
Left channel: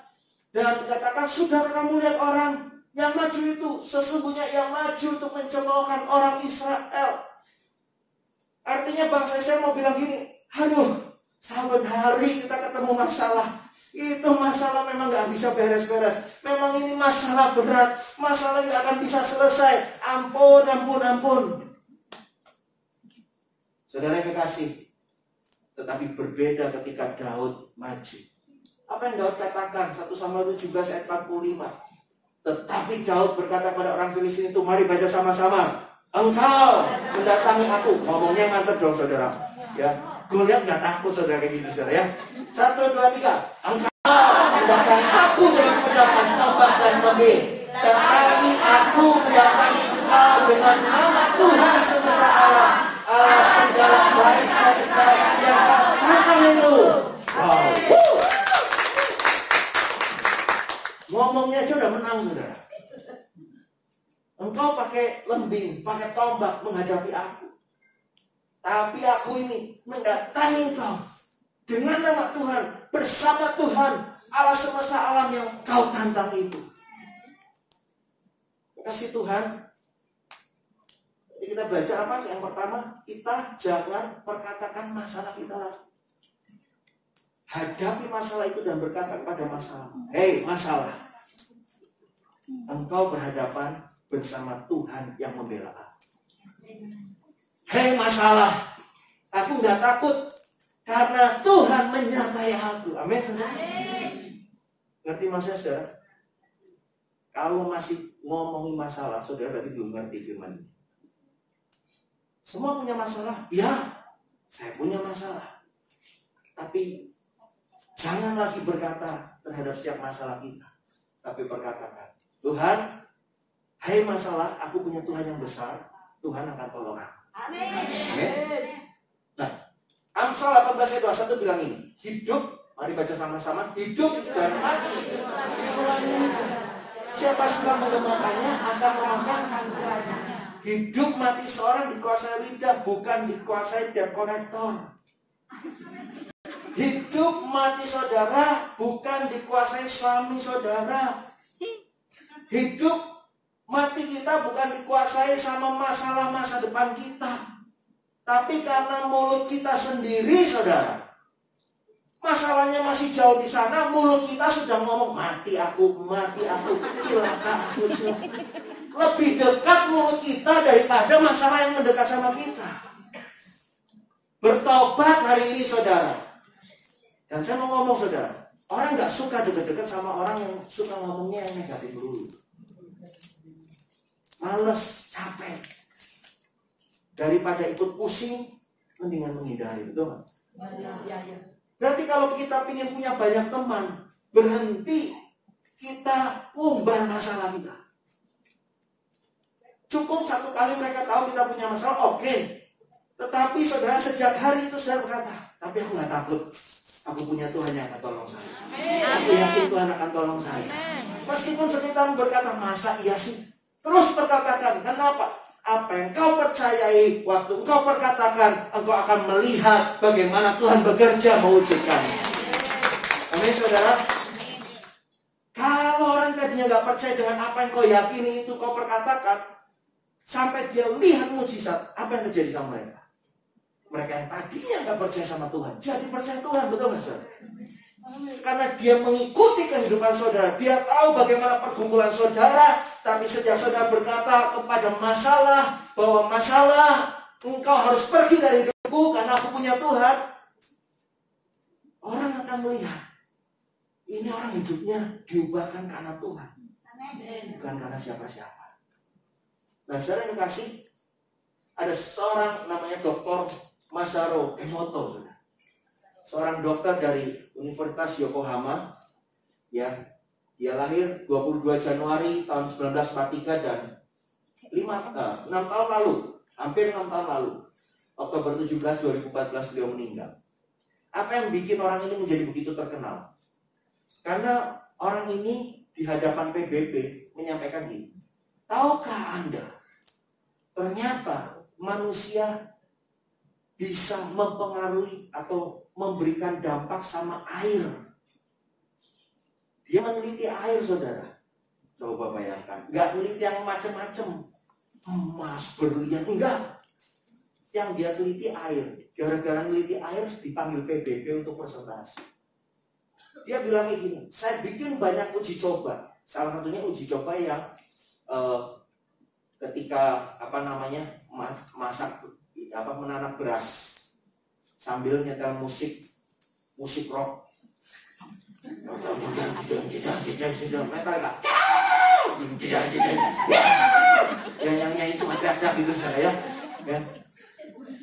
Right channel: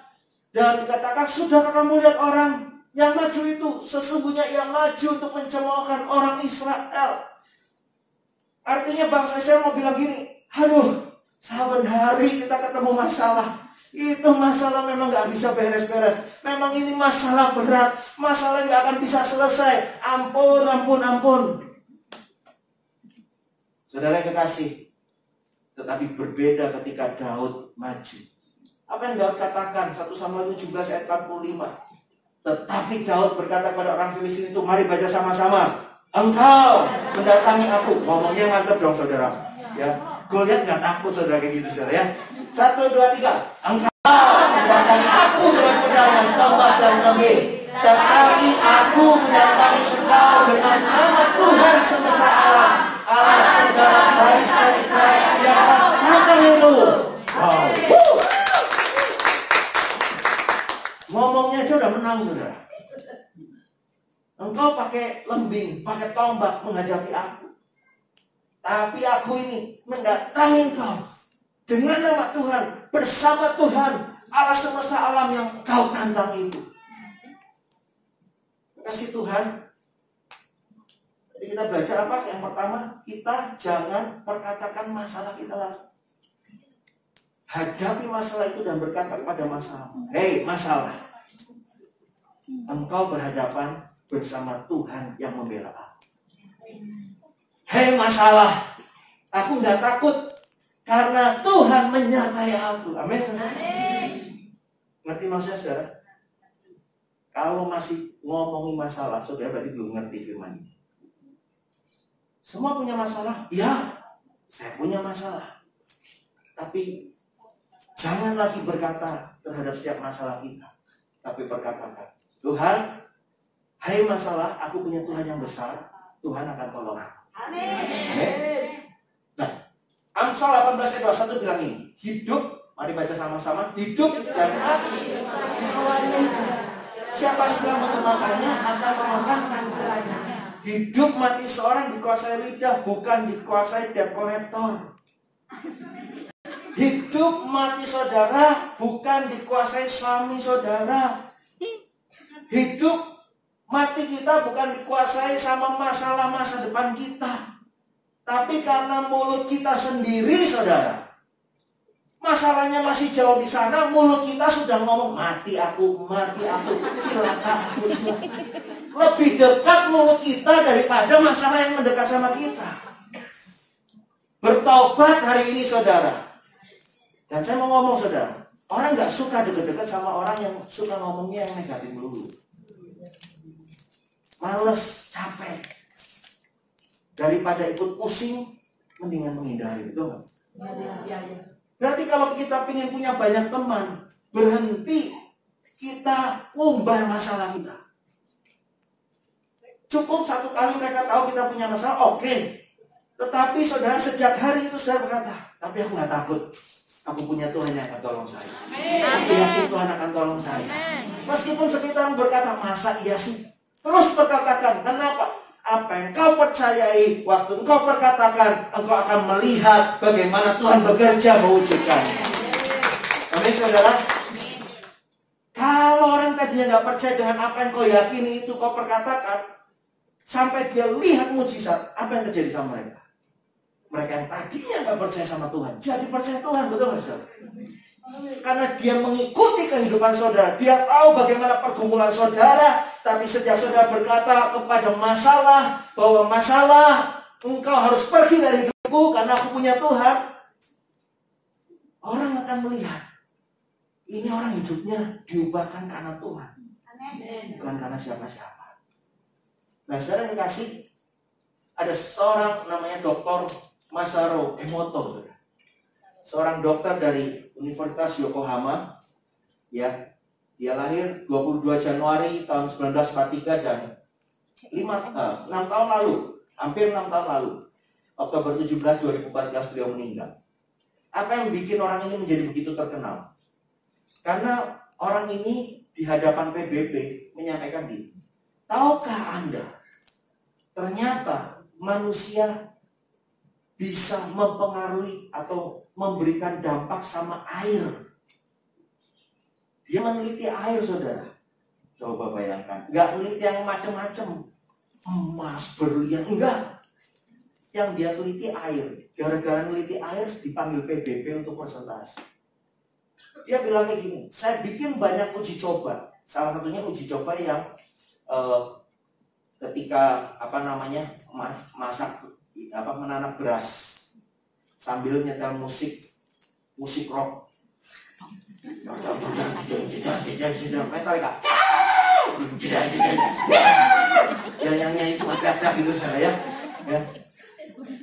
Dan dikatakan, sudah kamu lihat orang yang maju itu? Sesungguhnya yang maju untuk mencelokkan orang Israel. Artinya bangsa Israel mau bilang gini, aduh, saban hari kita ketemu masalah. Itu masalah memang gak bisa beres-beres. Memang ini masalah berat. Masalah gak akan bisa selesai. Ampun, ampun, ampun. Saudara kekasih, tetapi berbeda ketika Daud maju. Apa yang Daud katakan? 1 Samuel 17 ayat 45. Tetapi Daud berkata pada orang Filistin itu, mari baca sama-sama. engkau mendatangi aku. Ngomongnya mantap dong saudara. Ya, gue lihat nggak takut saudara kayak gitu saudara ya. 1, 2, 3. Engkau mendatangi aku dengan pedangan, tombak dan kembali. Tetapi aku mendatangi engkau dengan nama Tuhan semesta alam, Allah segala barisan Israel yang kata itu. Wow. Ngomongnya aja udah menang saudara. Engkau pakai lembing, pakai tombak menghadapi aku. Tapi aku ini mendatangi engkau dengan nama Tuhan, bersama Tuhan, Allah semesta alam yang kau tantang itu. Kasih Tuhan. Jadi kita belajar apa? Yang pertama, kita jangan perkatakan masalah kita lagi. Hadapi masalah itu dan berkata kepada masalah, hei masalah, engkau berhadapan bersama Tuhan yang membela aku. Hei masalah, aku nggak takut karena Tuhan menyertai aku. Amin. Ngerti maksudnya saudara? Kalau masih ngomongin masalah, saudara berarti belum ngerti firman ini. Semua punya masalah? Ya, saya punya masalah. Tapi jangan lagi berkata terhadap setiap masalah kita. Tapi berkatakan, Tuhan, hai masalah, aku punya Tuhan yang besar. Tuhan akan tolong aku. Amin. Nah, Amsal 18 ayat 21 bilang ini, hidup, mari baca sama-sama, hidup dan mati. Siapa suka menggunakannya akan memakan. Hidup mati seorang dikuasai lidah, bukan dikuasai debt collector. Hidup mati saudara bukan dikuasai suami saudara. Hidup mati kita bukan dikuasai sama masalah masa depan kita. Tapi karena mulut kita sendiri saudara, masalahnya masih jauh di sana, mulut kita sudah ngomong mati aku, cilaka aku, cilaka. Lebih dekat mulut kita daripada masalah yang mendekat sama kita. Bertobat hari ini saudara. Dan saya mau ngomong saudara, orang gak suka dekat-dekat sama orang yang suka ngomongnya yang negatif dulu. Males, capek. Daripada ikut pusing, mendingan menghindari, betul gak? Berarti kalau kita ingin punya banyak teman, berhenti kita umbar masalah kita. Cukup satu kali mereka tahu kita punya masalah, oke. Tetapi saudara sejak hari itu saya berkata, tapi aku gak takut. Aku punya Tuhan yang akan tolong saya. Aku yakin Tuhan akan tolong saya. Meskipun sekitar berkata, masa iya sih? Terus perkatakan, kenapa? Apa yang kau percayai, waktu engkau perkatakan, engkau akan melihat bagaimana Tuhan bekerja mewujudkan. Amin saudara. Kalau orang tadinya gak percaya dengan apa yang kau yakini itu kau perkatakan, sampai dia lihat mujizat, apa yang terjadi sama mereka? Mereka yang tadinya gak percaya sama Tuhan, jadi percaya Tuhan, betul gak saudara? Karena dia mengikuti kehidupan saudara, dia tahu bagaimana pergumulan saudara. Tapi sejak saudara berkata kepada masalah, bahwa masalah engkau harus pergi dari hidupku karena aku punya Tuhan, orang akan melihat ini orang hidupnya diubahkan karena Tuhan, bukan karena siapa-siapa. Nah saudara yang kasih, ada seorang namanya Dr. Masaru Emoto, seorang dokter dari Universitas Yokohama, ya. Dia lahir 22 Januari tahun 1943 dan 6 tahun lalu, hampir 6 tahun lalu, Oktober 17, 2014 beliau meninggal. Apa yang bikin orang ini menjadi begitu terkenal? Karena orang ini di hadapan PBB menyampaikan ini. Tahukah Anda, ternyata manusia bisa mempengaruhi atau memberikan dampak sama air. Dia meneliti air saudara. Coba bayangkan. Gak meneliti yang macam-macam. Emas, berlian. Enggak. Yang dia teliti air. Gara-gara meneliti air dipanggil PBB untuk presentasi. Dia bilang kayak gini. Saya bikin banyak uji coba. Salah satunya uji coba yang ketika masak menanam beras sambil nyetel musik rock. yang nyanyi cuma teriak-teriak gitu saya ya.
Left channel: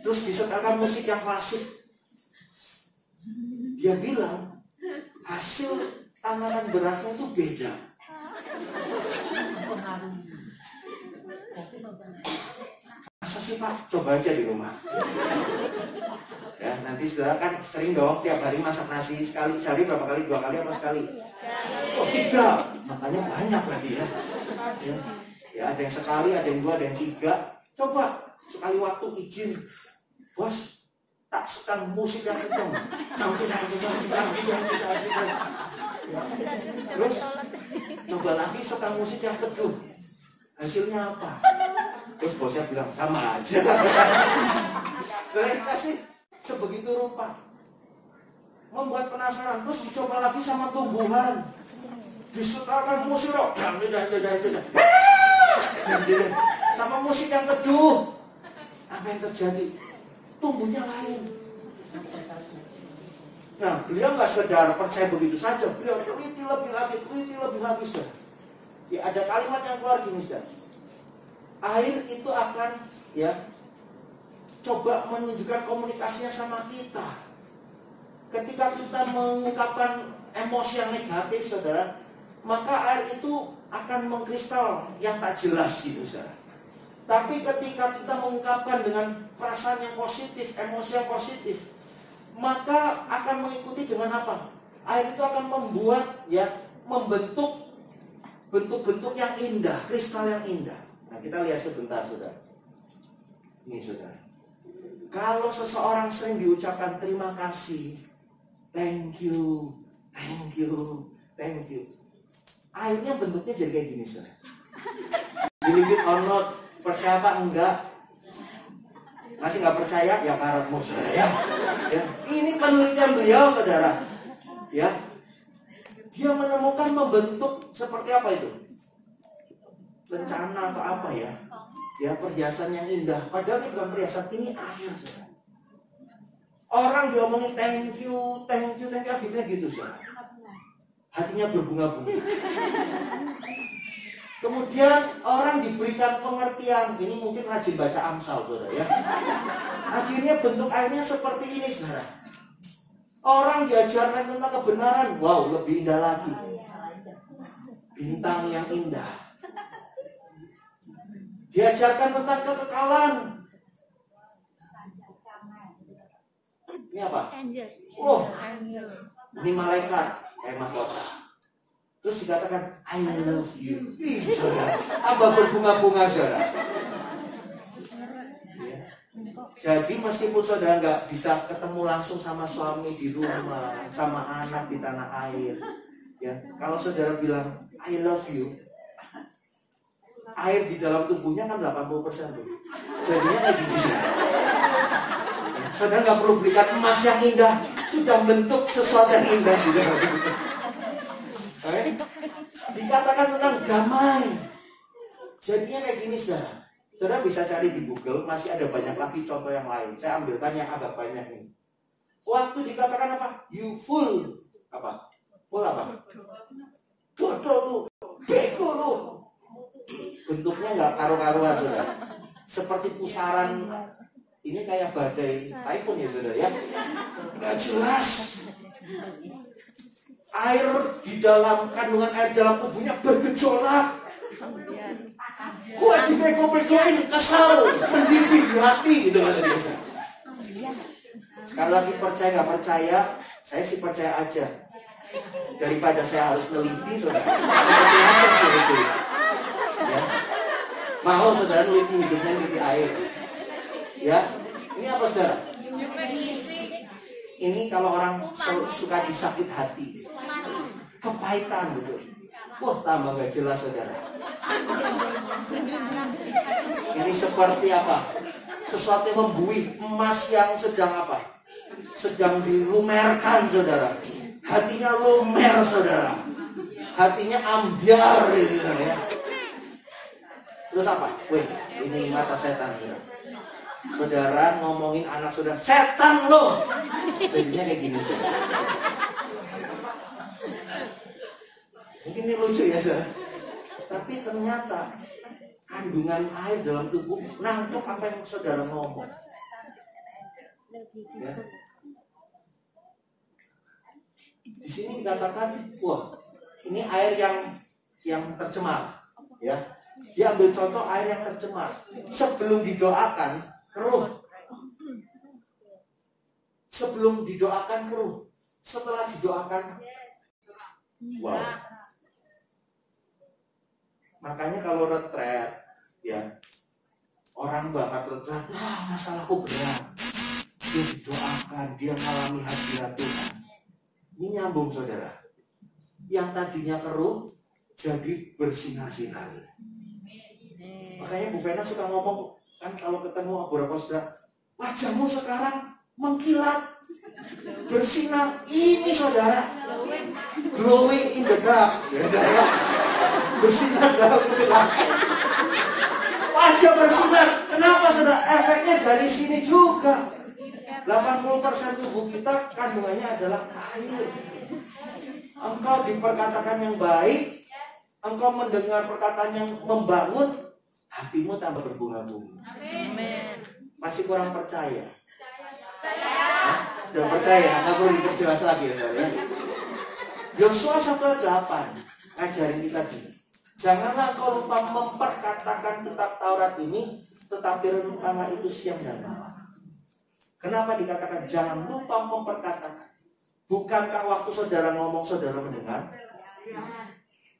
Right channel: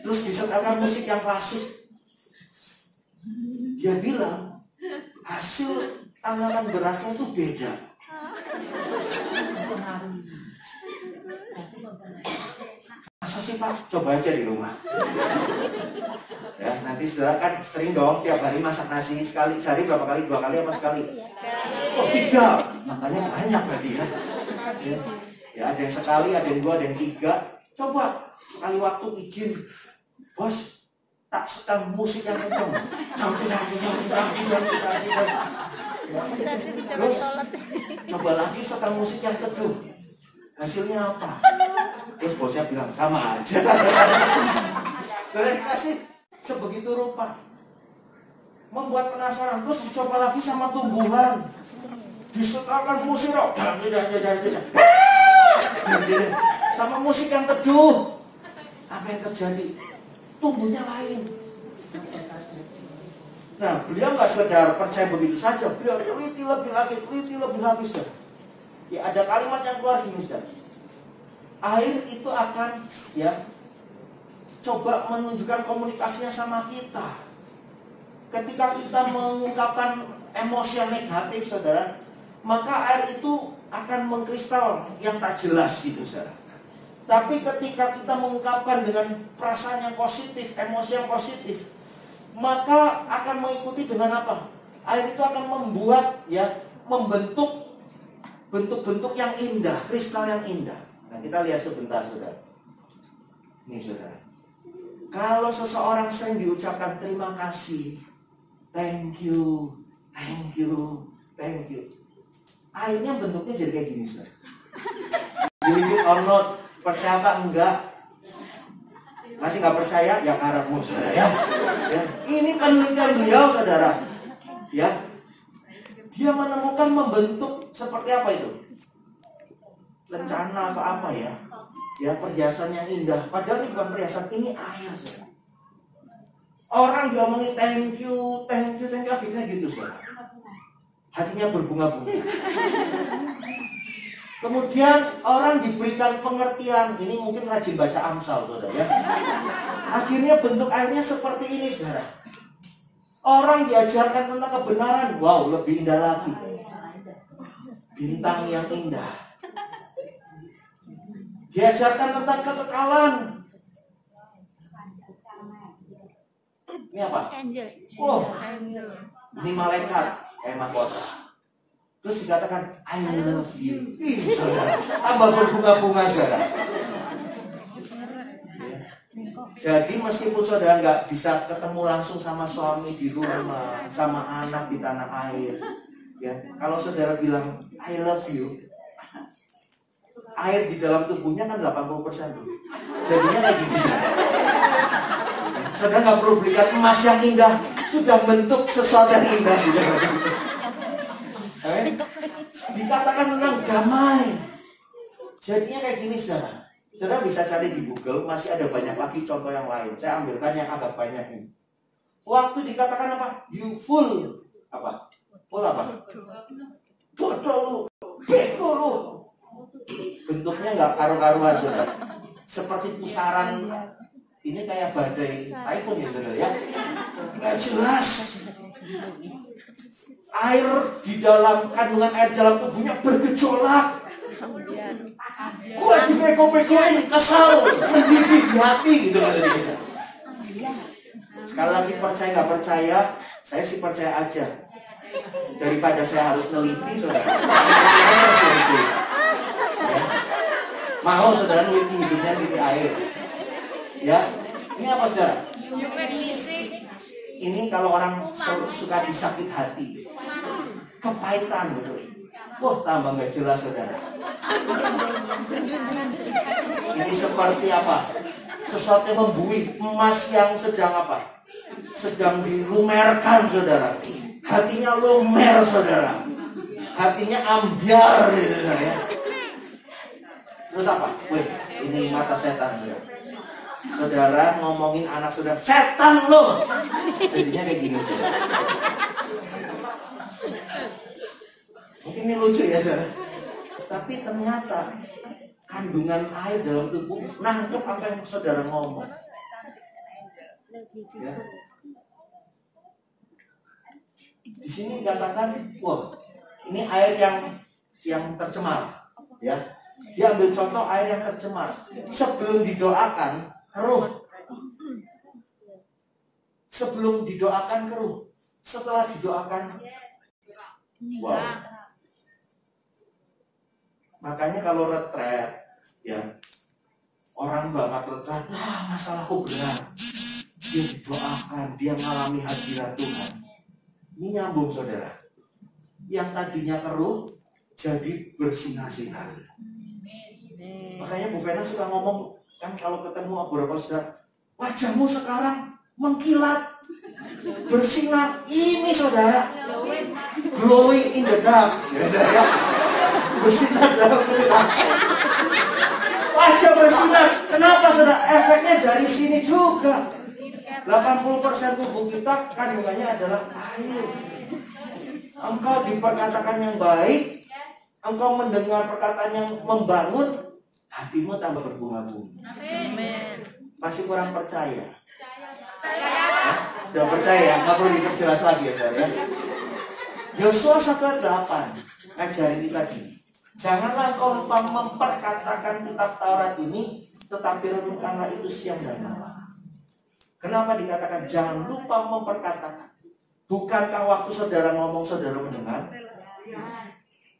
Terus disetelkan musik yang klasik. Dia bilang hasil tanaman berasnya itu beda. Masa sih Pak? Coba aja di rumah. Ya, nanti saudara kan sering dong tiap hari masak nasi sekali sehari berapa kali? 2 kali apa sekali? Oh 3, makanya banyak berarti ya. Ya ada yang sekali, ada yang 2, ada yang 3. Coba sekali waktu izin, bos tak setel musik yang kencang. Terus coba lagi setel musik yang teduh. Hasilnya apa? Terus bosnya bilang sama aja. Terus dikasih sebegitu rupa, membuat penasaran. Terus dicoba lagi sama tumbuhan, disetelkan musik rock, sama musik yang teduh. Apa yang terjadi? Tumbuhnya lain. Nah, beliau nggak sekedar percaya begitu saja, beliau teliti lebih lagi, ya ada kalimat yang keluar gini, air itu akan ya coba menunjukkan komunikasinya sama kita. Ketika kita mengungkapkan emosi yang negatif, saudara, maka air itu akan mengkristal yang tak jelas gitu, saudara. Tapi ketika kita mengungkapkan dengan perasaan yang positif, emosi yang positif, maka akan mengikuti dengan apa? Air itu akan membuat ya membentuk bentuk-bentuk yang indah, kristal yang indah. Nah, kita lihat sebentar, saudara. Ini, saudara. Kalau seseorang sering diucapkan terima kasih, thank you, airnya bentuknya jadi kayak gini, saudara. Believe it or not, percaya apa enggak? Masih nggak percaya? Ya karepmu, saudara ya. Ini penelitian beliau, saudara. Ya, dia menemukan membentuk seperti apa itu? Lencana atau apa ya? Ya perhiasan yang indah. Padahal ini bukan perhiasan, ini air, saudara. Orang diomongin thank you, akhirnya gitu, saudara. Hatinya berbunga-bunga. Kemudian orang diberikan pengertian, ini mungkin rajin baca Amsal, saudara ya. Akhirnya bentuk airnya seperti ini, saudara. Orang diajarkan tentang kebenaran, wow, lebih indah lagi. Bintang yang indah. Diajarkan tentang kekekalan. Ini apa? Oh, ini malaikat, mahkota. Terus dikatakan I love you. Ih, saudara, tambah berbunga-bunga, saudara. Jadi meskipun saudara nggak bisa ketemu langsung sama suami di rumah, sama anak di tanah air, ya, kalau saudara bilang I love you, air di dalam tubuhnya kan 80% tuh. Jadinya kayak gitu, saudara. Saudara nggak perlu belikan emas yang indah, sudah bentuk sesuatu yang indah di dalam tubuh. Dikatakan tentang damai. Jadinya kayak gini, saudara. Saudara bisa cari di Google, masih ada banyak lagi contoh yang lain. Saya ambilkan yang agak banyak ini. Waktu dikatakan apa? You full apa? Full apa? Bodoh lu, bego lu. Bentuknya nggak karu-karuan, saudara. Seperti pusaran. Ini kayak badai typhoon ya, saudara ya. Nggak jelas. Air di dalam kandungan air dalam tubuhnya bergejolak. Gue dipeko-pekoin, kesal, mendidih di hati gitu kata dia. Sekali lagi percaya nggak percaya, saya sih percaya aja. Daripada saya harus neliti, saudara. Ya. Mau saudara neliti hidupnya, neliti air. Ya, ini apa, saudara? Ini kalau orang suka disakit hati, kepahitan gitu. Wah, tambah nggak jelas, saudara. Ini seperti apa? Sesuatu yang membuih, emas yang sedang apa? Sedang dilumerkan, saudara. Hatinya lumer, saudara. Hatinya ambiar, gitu ya. Terus apa? Wih, ini mata setan, saudara. Saudara ngomongin anak saudara, setan lo. Jadinya kayak gini, saudara. Mungkin ini lucu ya, saudara. Tapi ternyata kandungan air dalam tubuh nangkep apa yang saudara ngomong. Ya. Di sini dikatakan, wah, ini air yang tercemar. Ya, dia ambil contoh air yang tercemar. Sebelum didoakan keruh. Sebelum didoakan keruh. Setelah didoakan, wow. Makanya kalau retret, ya, orang banget retret, masalahku berat. Dia didoakan, dia mengalami hadirat Tuhan. Ini nyambung saudara. Yang tadinya keruh jadi bersinar-sinar. Makanya Bu Vena suka ngomong, kan kalau ketemu beberapa saudara, wajahmu sekarang mengkilat, bersinar. Ini saudara, glowing in the dark. Bersinar dalam kegelapan. Wajah bersinar. Kenapa saudara? Efeknya dari sini juga. 80% tubuh kita kandungannya adalah air. Engkau diperkatakan yang baik, engkau mendengar perkataan yang membangun, hatimu tambah berbunga-bunga. Amin. Masih kurang percaya? Sudah percaya? Nggak perlu diperjelas lagi ya saudara. Yosua 1:8 ngajarin kita gini. Janganlah kau lupa memperkatakan kitab Taurat ini, tetapi renungkanlah itu siang dan malam. Kenapa dikatakan jangan lupa memperkatakan? Bukankah waktu saudara ngomong saudara mendengar?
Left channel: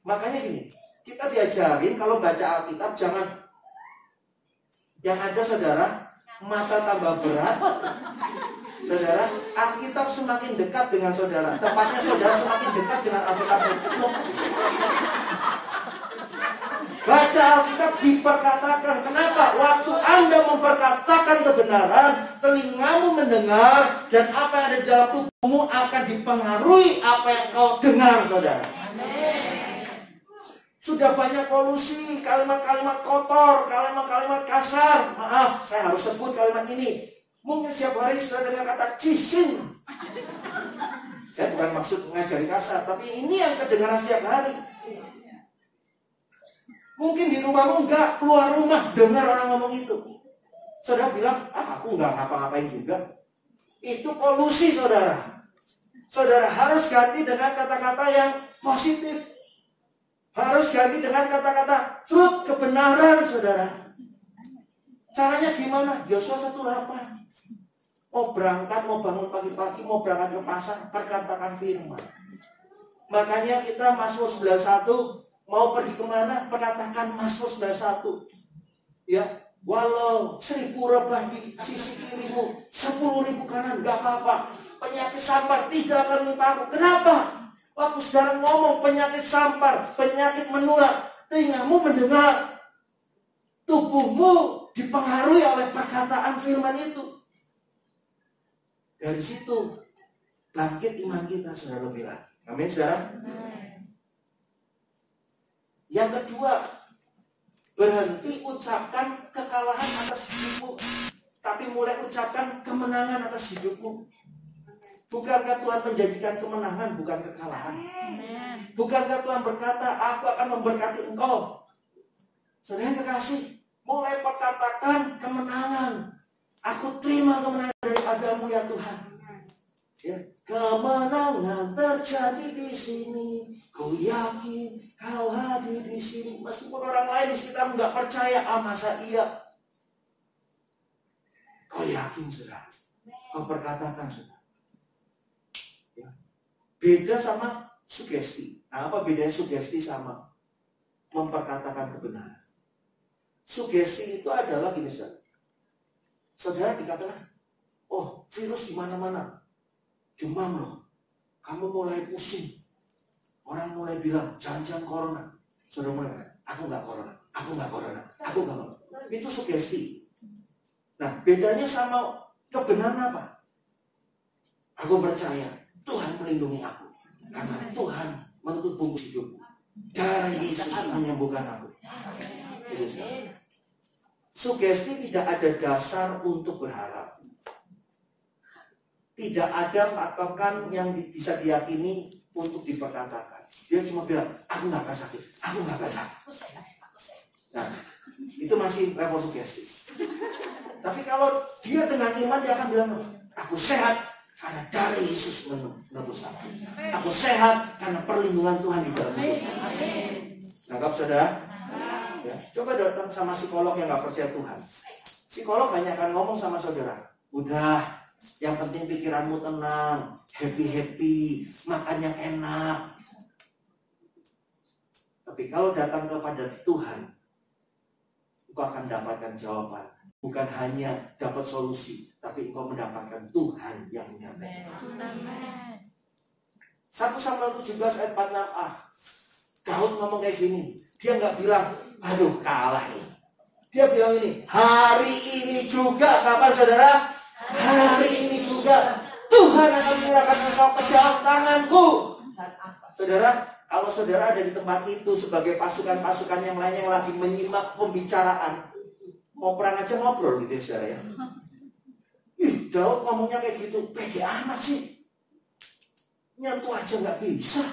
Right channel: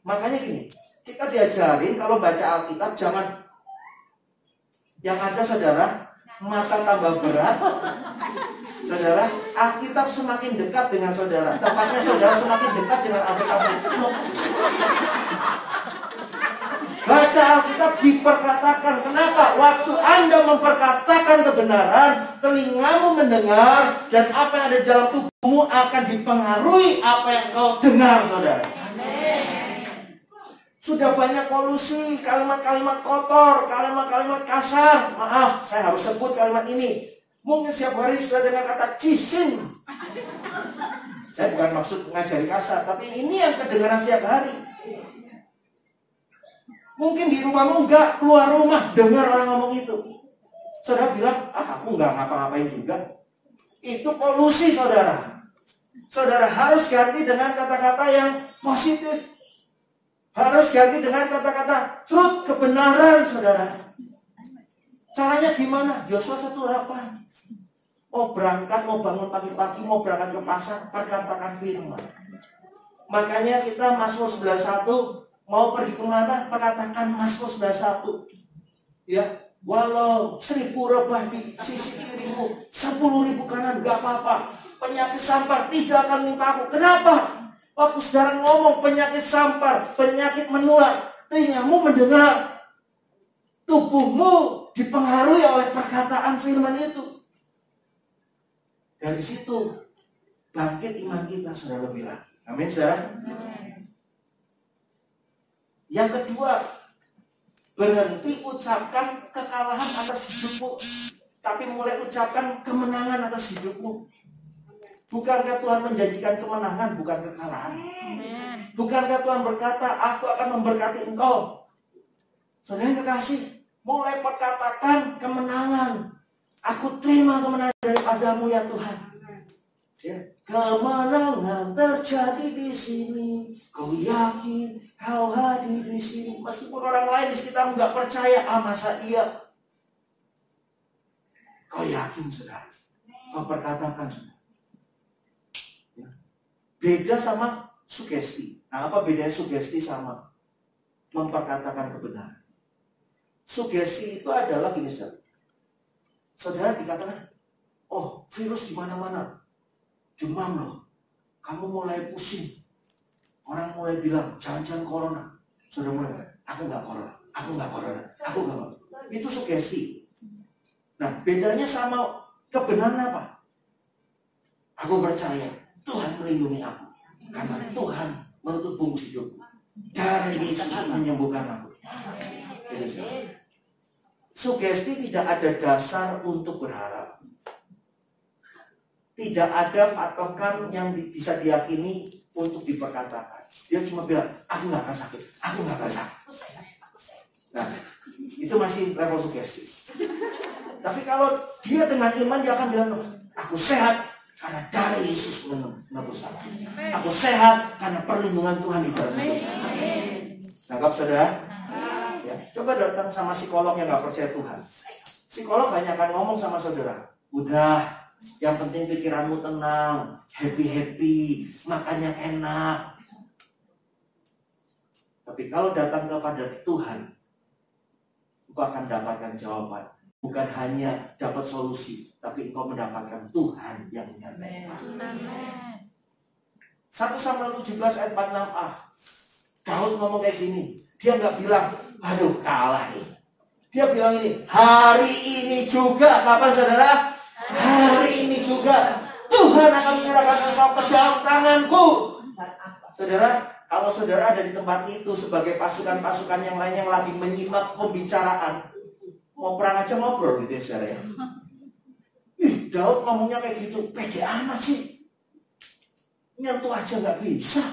Makanya gini, kita diajarin kalau baca Alkitab jangan yang ada saudara mata tambah berat. Saudara, Alkitab semakin dekat dengan saudara. Tepatnya saudara semakin dekat dengan Alkitab. Baca Alkitab diperkatakan. Kenapa? Waktu Anda memperkatakan kebenaran, telingamu mendengar, dan apa yang ada di dalam tubuhmu akan dipengaruhi apa yang kau dengar, saudara. Sudah banyak polusi, kalimat-kalimat kotor, kalimat-kalimat kasar. Maaf, saya harus sebut kalimat ini. Mungkin setiap hari sudah dengan kata cising. Saya bukan maksud mengajari kasar, tapi ini yang kedengaran setiap hari. Mungkin di rumahmu enggak, keluar rumah dengar orang ngomong itu. Saudara bilang, aku enggak ngapa-ngapain juga. Itu polusi saudara. Saudara harus ganti dengan kata-kata yang positif. Harus ganti dengan kata-kata truth, kebenaran saudara. Caranya gimana? Yosua 1:8. Mau berangkat, mau bangun pagi-pagi, mau berangkat ke pasar, perkatakan firman. Makanya kita Mazmur 91 mau pergi kemana, perkatakan Mazmur 91. Ya, walau 1000 rebah di sisi kirimu, 10.000 kanan, gak apa-apa. Penyakit sampar tidak akan menimpa aku. Kenapa? Waktu saudara ngomong penyakit sampar, penyakit menular, telingamu mendengar. Tubuhmu dipengaruhi oleh perkataan firman itu. Dari situ bangkit iman kita, saudara bilang. Amin, saudara. Yang kedua, berhenti ucapkan kekalahan atas hidupmu, tapi mulai ucapkan kemenangan atas hidupmu. Bukankah Tuhan menjanjikan kemenangan, bukan kekalahan? Bukankah Tuhan berkata, aku akan memberkati engkau? Saudara kekasih, mulai perkatakan kemenangan. Aku terima kemenangan daripadamu ya Tuhan. Ya. Kemenangan terjadi di sini. Ku yakin kau hadir di sini. Meskipun orang lain di sekitar nggak percaya, masa iya? Kau yakin sudah? Kau perkatakan sudah. Ya. Beda sama sugesti. Nah, apa bedanya sugesti sama memperkatakan kebenaran? Sugesti itu adalah gini saudara dikatakan, oh virus di mana-mana, demam loh, kamu mulai pusing, orang mulai bilang jangan-jangan corona, saudara mulai, aku nggak corona, aku nggak corona, aku nggak, itu sugesti. Nah bedanya sama kebenaran apa? Aku percaya Tuhan melindungi aku, karena Tuhan menutup bungkus hidupku, dari Yesus menyembuhkan aku. Jadi, sugesti tidak ada dasar untuk berharap. Tidak ada patokan yang bisa diyakini untuk diperkatakan. Dia cuma bilang, aku nggak akan sakit, aku nggak akan sakit. Nah, itu masih level sugesti. Tapi kalau dia dengan iman, dia akan bilang, aku sehat karena darah Yesus menebus aku. Aku sehat karena perlindungan Tuhan di dalam hidup saya. Nangkap saudara? Ya, coba datang sama psikolog yang nggak percaya Tuhan. Psikolog banyak akan ngomong sama saudara, udah, yang penting pikiranmu tenang, happy, makan yang enak. Tapi kalau datang kepada Tuhan, engkau akan dapatkan jawaban. Bukan hanya dapat solusi, tapi engkau mendapatkan Tuhan yang menyertai. 1 Samuel 17 ayat 46a. Daud ngomong kayak gini. Dia nggak bilang, aduh kalah nih. Dia bilang ini, hari ini juga. Kapan saudara? Hari ini juga Tuhan akan menyerahkan engkau ke dalam tanganku. Saudara, kalau saudara ada di tempat itu sebagai pasukan-pasukan yang lain yang lagi menyimak pembicaraan, mau perang aja ngobrol gitu ya saudara ya. Ih, Daud ngomongnya kayak gitu, pede amat sih. Nyentuh aja nggak bisa.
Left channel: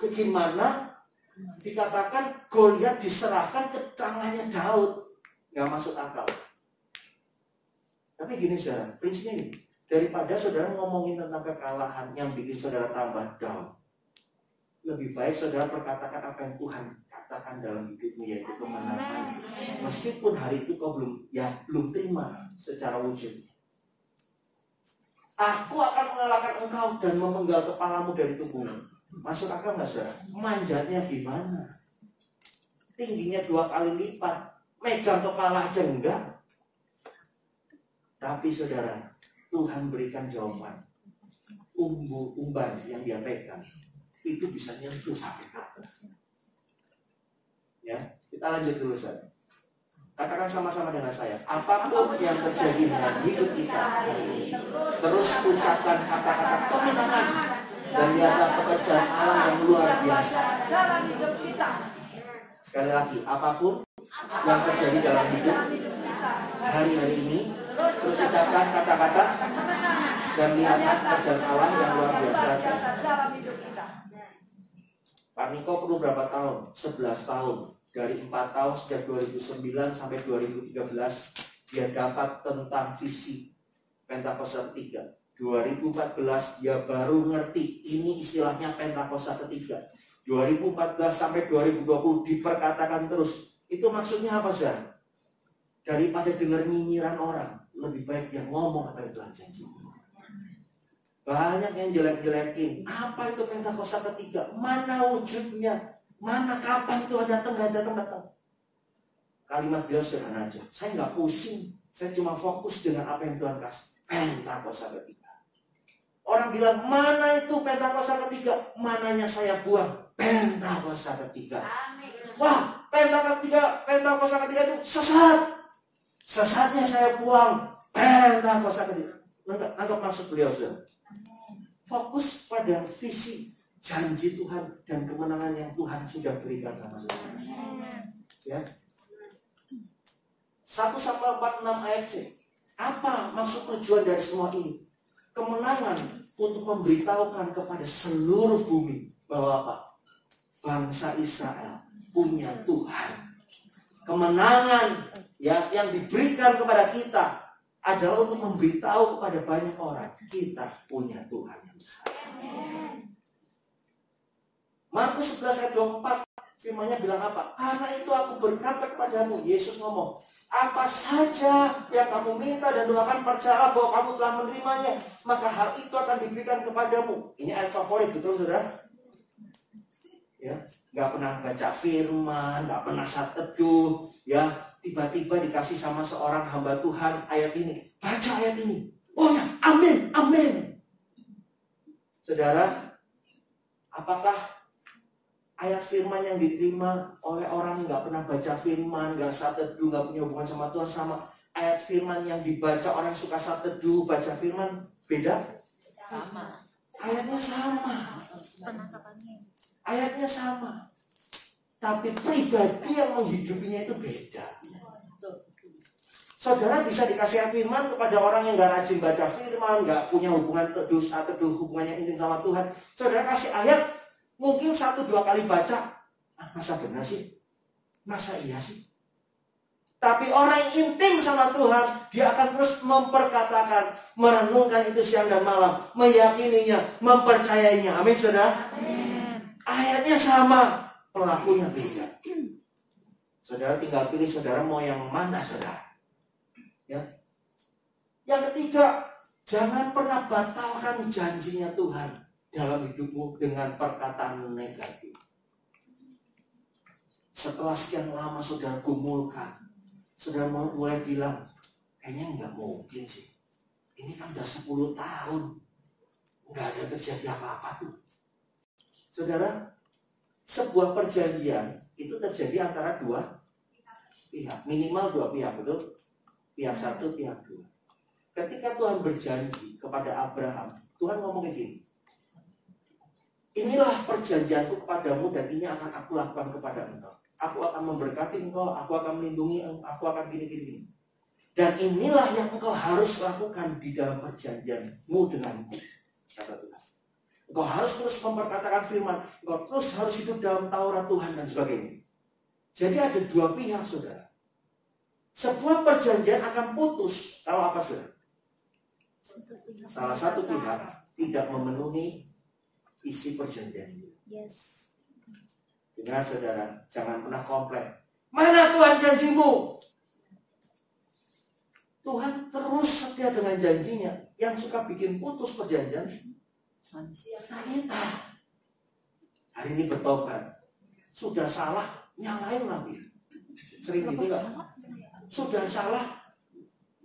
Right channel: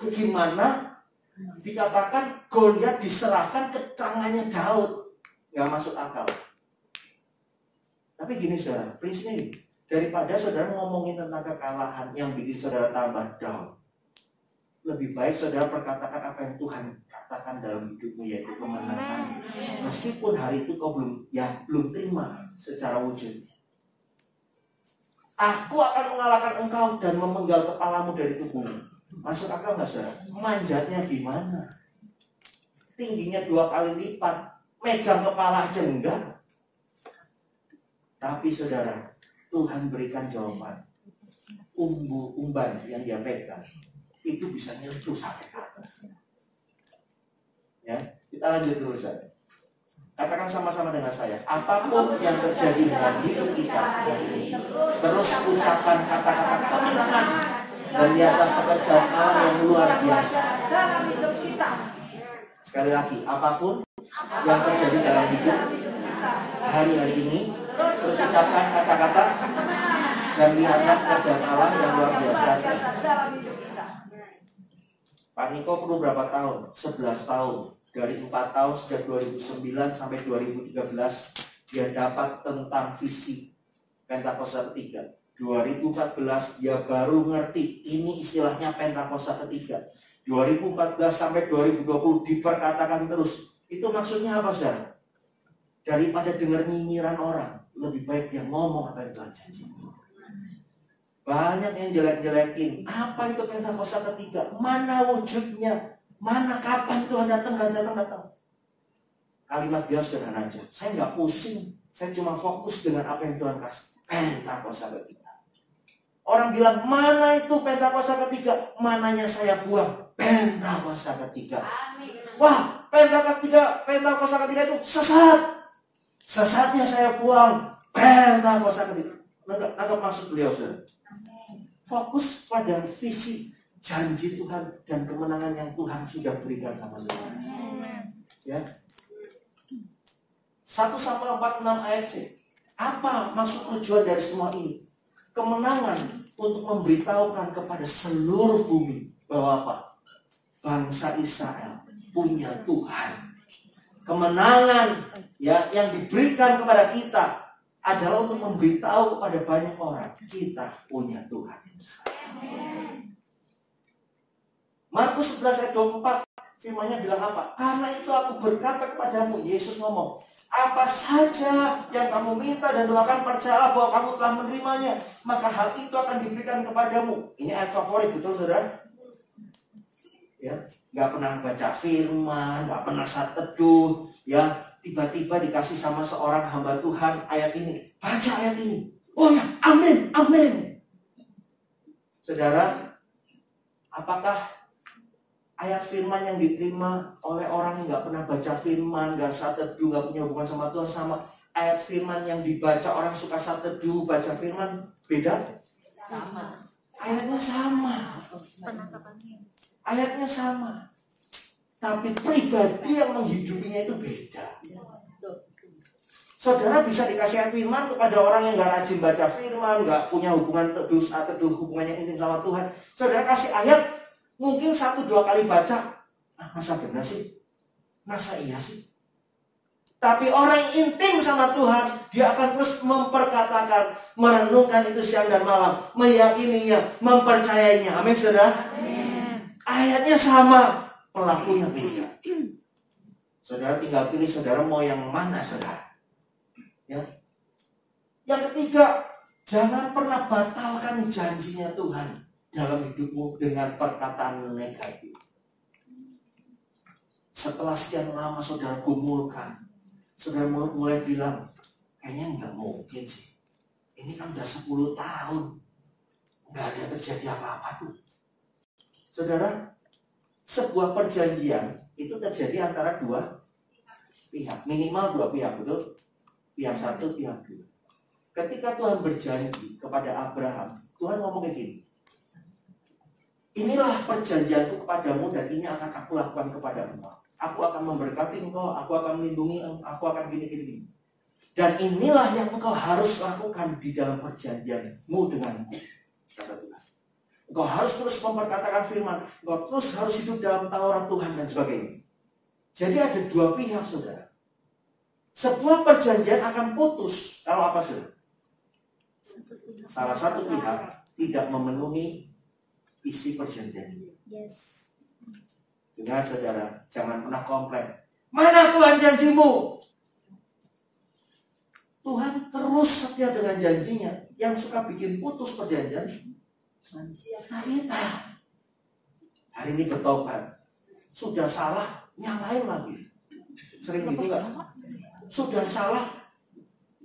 Bagaimana dikatakan Goliat diserahkan ke tangannya Daud? Nggak masuk akal. Tapi gini saudara, prinsipnya ini, daripada saudara ngomongin tentang kekalahan yang bikin saudara tambah down, lebih baik saudara perkatakan apa yang Tuhan katakan dalam hidupmu, yaitu kemenangan. Meskipun hari itu kau belum terima secara wujudnya. Aku akan mengalahkan engkau dan memenggal kepalamu dari tubuhmu. Masuk akal nggak saudara? Manjatnya gimana? Tingginya 2 kali lipat, megang kepala aja enggak. Tapi saudara, Tuhan berikan jawaban. Umban yang dia pegang itu bisa nyentuh sampai ke atas. Ya, kita lanjut dulu saja. Katakan sama-sama dengan saya, apapun yang terjadi dalam hidup kita hari ini, terus ucapkan kata-kata kemenangan dan lihatlah pekerjaan Allah yang luar biasa. Sekali lagi, apapun yang terjadi dalam hidup hari-hari ini, terus ucapkan kata-kata dan lihatlah pekerjaan Allah yang luar biasa. Pak Niko perlu berapa tahun? 11 tahun. Dari 4 tahun sejak 2009 sampai 2013 dia dapat tentang visi Pentakosta ketiga. 2014 dia baru ngerti ini istilahnya Pentakosta ketiga. 2014 sampai 2020 diperkatakan terus. Itu maksudnya apa sih? Daripada dengar nyinyiran orang, lebih baik dia ngomong apa yang Tuhan janji. Banyak yang jelek-jelekin. Apa itu Pentakosta ketiga? Mana wujudnya? Mana kapan Tuhan datang? Kalimat dia sederhana aja. Saya nggak pusing. Saya cuma fokus dengan apa yang Tuhan kasih. Pentakosta ketiga. Orang bilang, mana itu Pentakosta ketiga? Mananya saya buang? Pentakosta ketiga. Wah, Pentakosta ketiga itu sesat. Sesatnya saya buang. Pentakosta ketiga. Nggak maksud beliau sudah. Fokus pada visi, janji Tuhan dan kemenangan yang Tuhan sudah berikan sama saya. Ya. 1 Samuel 46 ayat C. Apa maksud tujuan dari semua ini? Kemenangan untuk memberitahukan kepada seluruh bumi bahwa apa? Bangsa Israel punya Tuhan. Kemenangan ya yang diberikan kepada kita adalah untuk memberitahu kepada banyak orang kita punya Tuhan yang besar. Markus 11 ayat 24 firman-Nya bilang apa? Karena itu aku berkata kepadamu, Yesus ngomong, apa saja yang kamu minta dan doakan, percaya bahwa kamu telah menerimanya, maka hal itu akan diberikan kepadamu. Ini ayat favorit, betul saudara? Ya, nggak pernah baca firman, nggak pernah saat teduh, ya tiba-tiba dikasih sama seorang hamba Tuhan ayat ini, baca ayat ini. Oh ya, amin, amin. Saudara, apakah ayat firman yang diterima oleh orang yang nggak pernah baca firman, nggak saat teduh, nggak punya hubungan sama Tuhan, sama ayat firman yang dibaca orang suka saat teduh, baca firman, beda? Ayatnya sama. Ayatnya sama. Tapi pribadi yang menghidupinya itu beda. Saudara bisa dikasih ayat firman kepada orang yang nggak rajin baca firman, nggak punya hubungan teduh, hubungan yang intim sama Tuhan. Saudara kasih ayat, Mungkin 1-2 kali baca, masa benar sih? Masa iya sih? Tapi orang yang intim sama Tuhan, dia akan terus memperkatakan, merenungkan itu siang dan malam, meyakininya, mempercayainya. Amin, saudara? Amin. Ayatnya sama, pelakunya beda. Saudara tinggal pilih saudara mau yang mana, saudara. Ya. Yang ketiga, jangan pernah batalkan janjinya Tuhan dalam hidupmu dengan perkataan negatif. Setelah sekian lama saudara gumulkan, saudara mulai bilang, kayaknya nggak mungkin sih. Ini kan udah 10 tahun, nggak ada terjadi apa-apa tuh. Saudara, sebuah perjanjian itu terjadi antara 2 pihak, minimal 2 pihak, betul? Pihak 1, pihak 2. Ketika Tuhan berjanji kepada Abraham, Tuhan ngomong kayak gini, inilah perjanjianku kepadamu dan ini akan aku lakukan kepada engkau. Aku akan memberkati engkau, aku akan melindungi engkau, aku akan gini-gini. Dan inilah yang engkau harus lakukan di dalam perjanjianmu denganku, kata Tuhan. Engkau harus terus memperkatakan firman, engkau terus harus hidup dalam Taurat Tuhan dan sebagainya. Jadi ada 2 pihak, saudara. Sebuah perjanjian akan putus kalau apa, saudara? Salah satu pihak tidak memenuhi isi perjanjian. Yes. Dengar, saudara, jangan pernah komplain. Mana Tuhan janjimu? Tuhan terus setia dengan janjinya. Yang suka bikin putus perjanjian kita. Hari ini bertobat, sudah salah, nyalain lagi. Sering gitu gak? Sudah salah,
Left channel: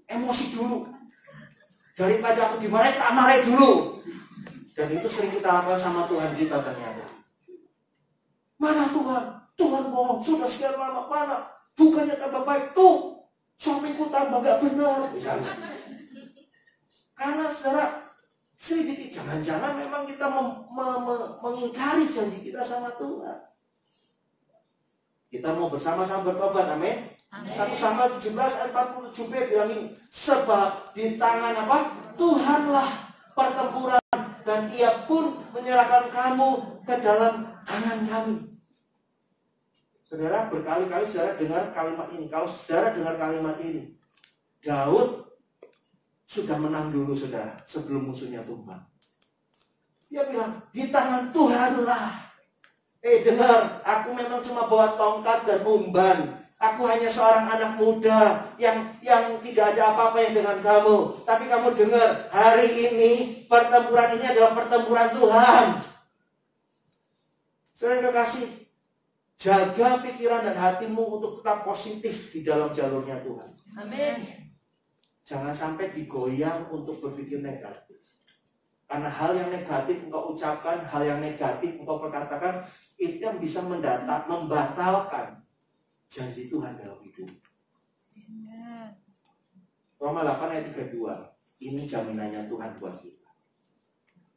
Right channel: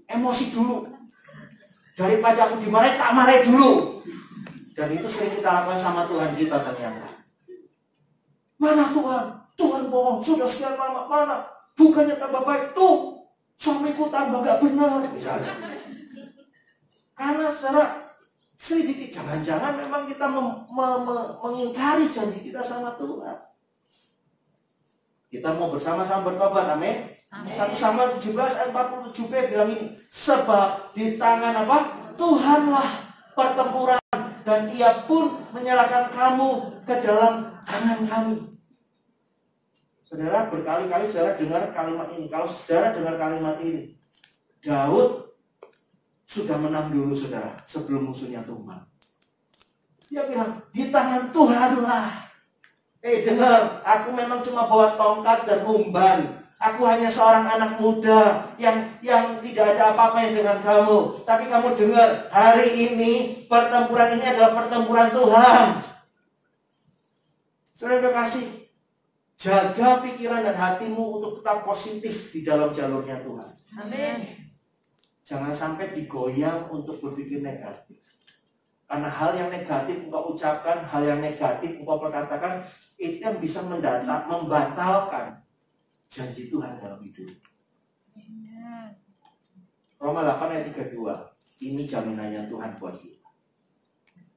emosi dulu. Daripada aku dimarahin, tak marahin dulu. Dan itu sering kita lakukan sama Tuhan kita ternyata. Mana Tuhan? Tuhan bohong, sudah sekian lama, mana? Bukannya tambah baik, tuh suamiku tambah gak benar, misalnya. Karena secara sedikit, jangan-jangan memang kita mengingkari janji kita sama Tuhan. Kita mau bersama-sama bertobat, amin. 1 Samuel 17 ayat 47b bilang ini, sebab di tangan apa? Tuhanlah pertempuran dan ia pun menyerahkan kamu ke dalam tangan kami. Saudara, berkali-kali saudara dengar kalimat ini. Kalau saudara dengar kalimat ini, Daud sudah menang dulu, saudara, sebelum musuhnya tumbang. Dia bilang, di tangan Tuhanlah. Dengar, aku memang cuma bawa tongkat dan umban. Aku hanya seorang anak muda yang tidak ada apa-apa dengan kamu. Tapi kamu dengar, hari ini pertempuran ini adalah pertempuran Tuhan. Saudara kekasih, jaga pikiran dan hatimu untuk tetap positif di dalam jalurnya Tuhan. Amin. Jangan sampai digoyang untuk berpikir negatif. Karena hal yang negatif engkau ucapkan, hal yang negatif engkau perkatakan, itu yang bisa membatalkan janji Tuhan dalam hidup. Roma 8 ayat 32. Ini jaminannya Tuhan buat kita.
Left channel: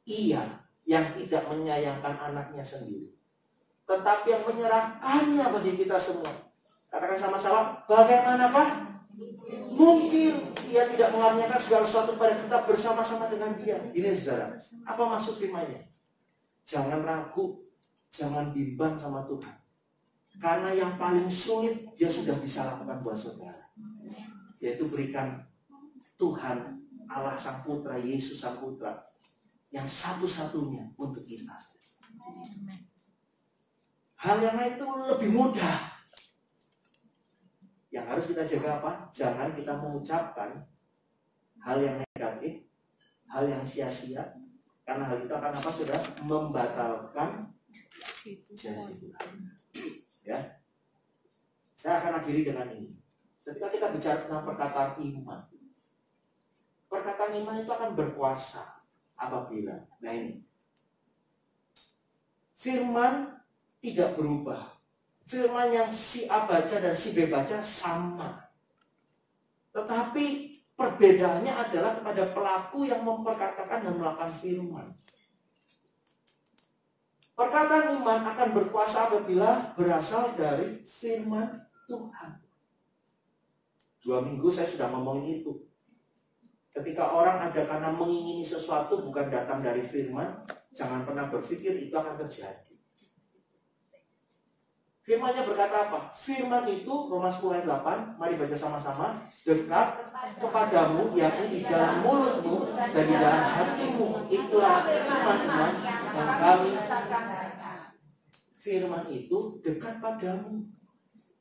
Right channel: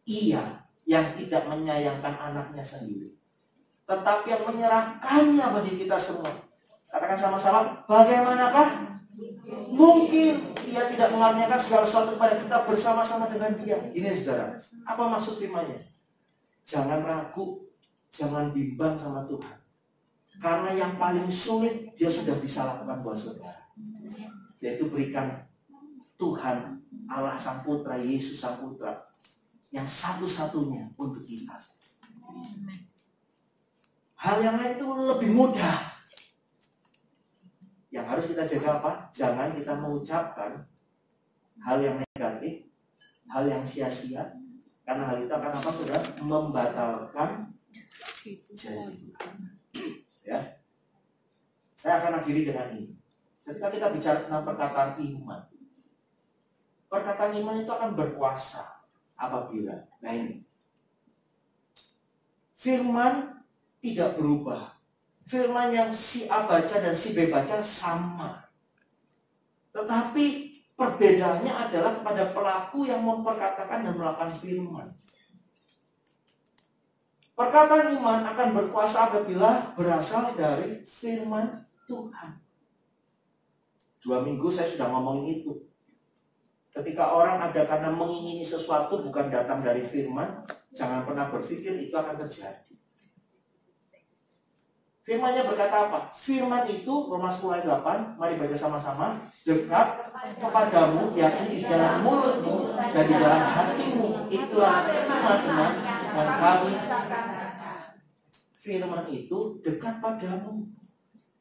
Ia yang tidak menyayangkan anaknya sendiri, tetapi yang menyerahkannya bagi kita semua. Katakan sama-sama, bagaimanakah mungkin ia tidak mengaruniakan segala sesuatu kepada kita bersama-sama dengan dia. Ini saudara, apa maksud firman-Nya? Jangan ragu, jangan bimbang sama Tuhan. Karena yang paling sulit dia sudah bisa lakukan buat saudara, yaitu berikan Tuhan Allah Sang Putra, Yesus Sang Putra, yang satu-satunya untuk kita. Hal yang lain itu lebih mudah. Yang harus kita jaga apa? Jangan kita mengucapkan hal yang negatif, hal yang sia-sia, karena hal itu akan apa, saudara? Membatalkan janji Tuhan. Ya, saya akan akhiri dengan ini. Ketika kita bicara tentang perkataan iman, perkataan iman itu akan berkuasa apabila, nah ini, firman tidak berubah. Firman yang si A baca dan si B baca sama. Tetapi perbedaannya adalah pada pelaku yang memperkatakan dan melakukan firman. Perkataan iman akan berkuasa apabila berasal dari firman Tuhan. 2 minggu saya sudah ngomongin itu. Ketika orang ada karena mengingini sesuatu bukan datang dari firman, jangan pernah berpikir itu akan terjadi. Firman-Nya berkata apa? Firman itu, Roma 10 ayat 8, mari baca sama-sama, dekat kepadamu, yakni di dalam mulutmu dan di dalam hatimu. Itulah firman yang kami. Firman itu dekat padamu.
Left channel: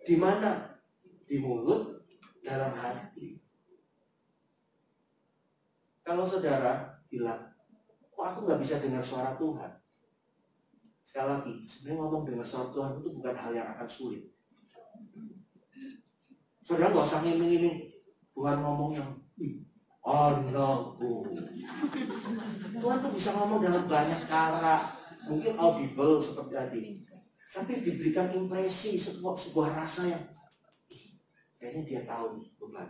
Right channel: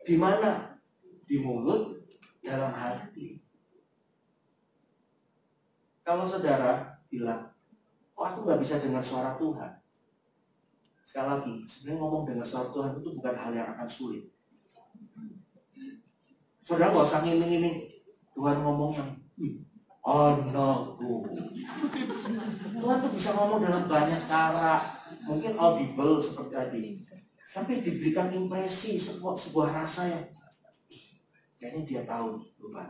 Di mana? Di mulut, dalam hati. Kalau saudara bilang, kok aku nggak bisa dengar suara Tuhan? Sekali lagi, sebenarnya ngomong dengar suara Tuhan itu bukan hal yang akan sulit. Saudara nggak usah ngiming-ngiming Tuhan ngomong yang anakku. Tuhan tuh bisa ngomong dalam banyak cara, mungkin audible seperti tadi, tapi diberikan impresi sebuah rasa yang kayaknya dia tahu Tuhan.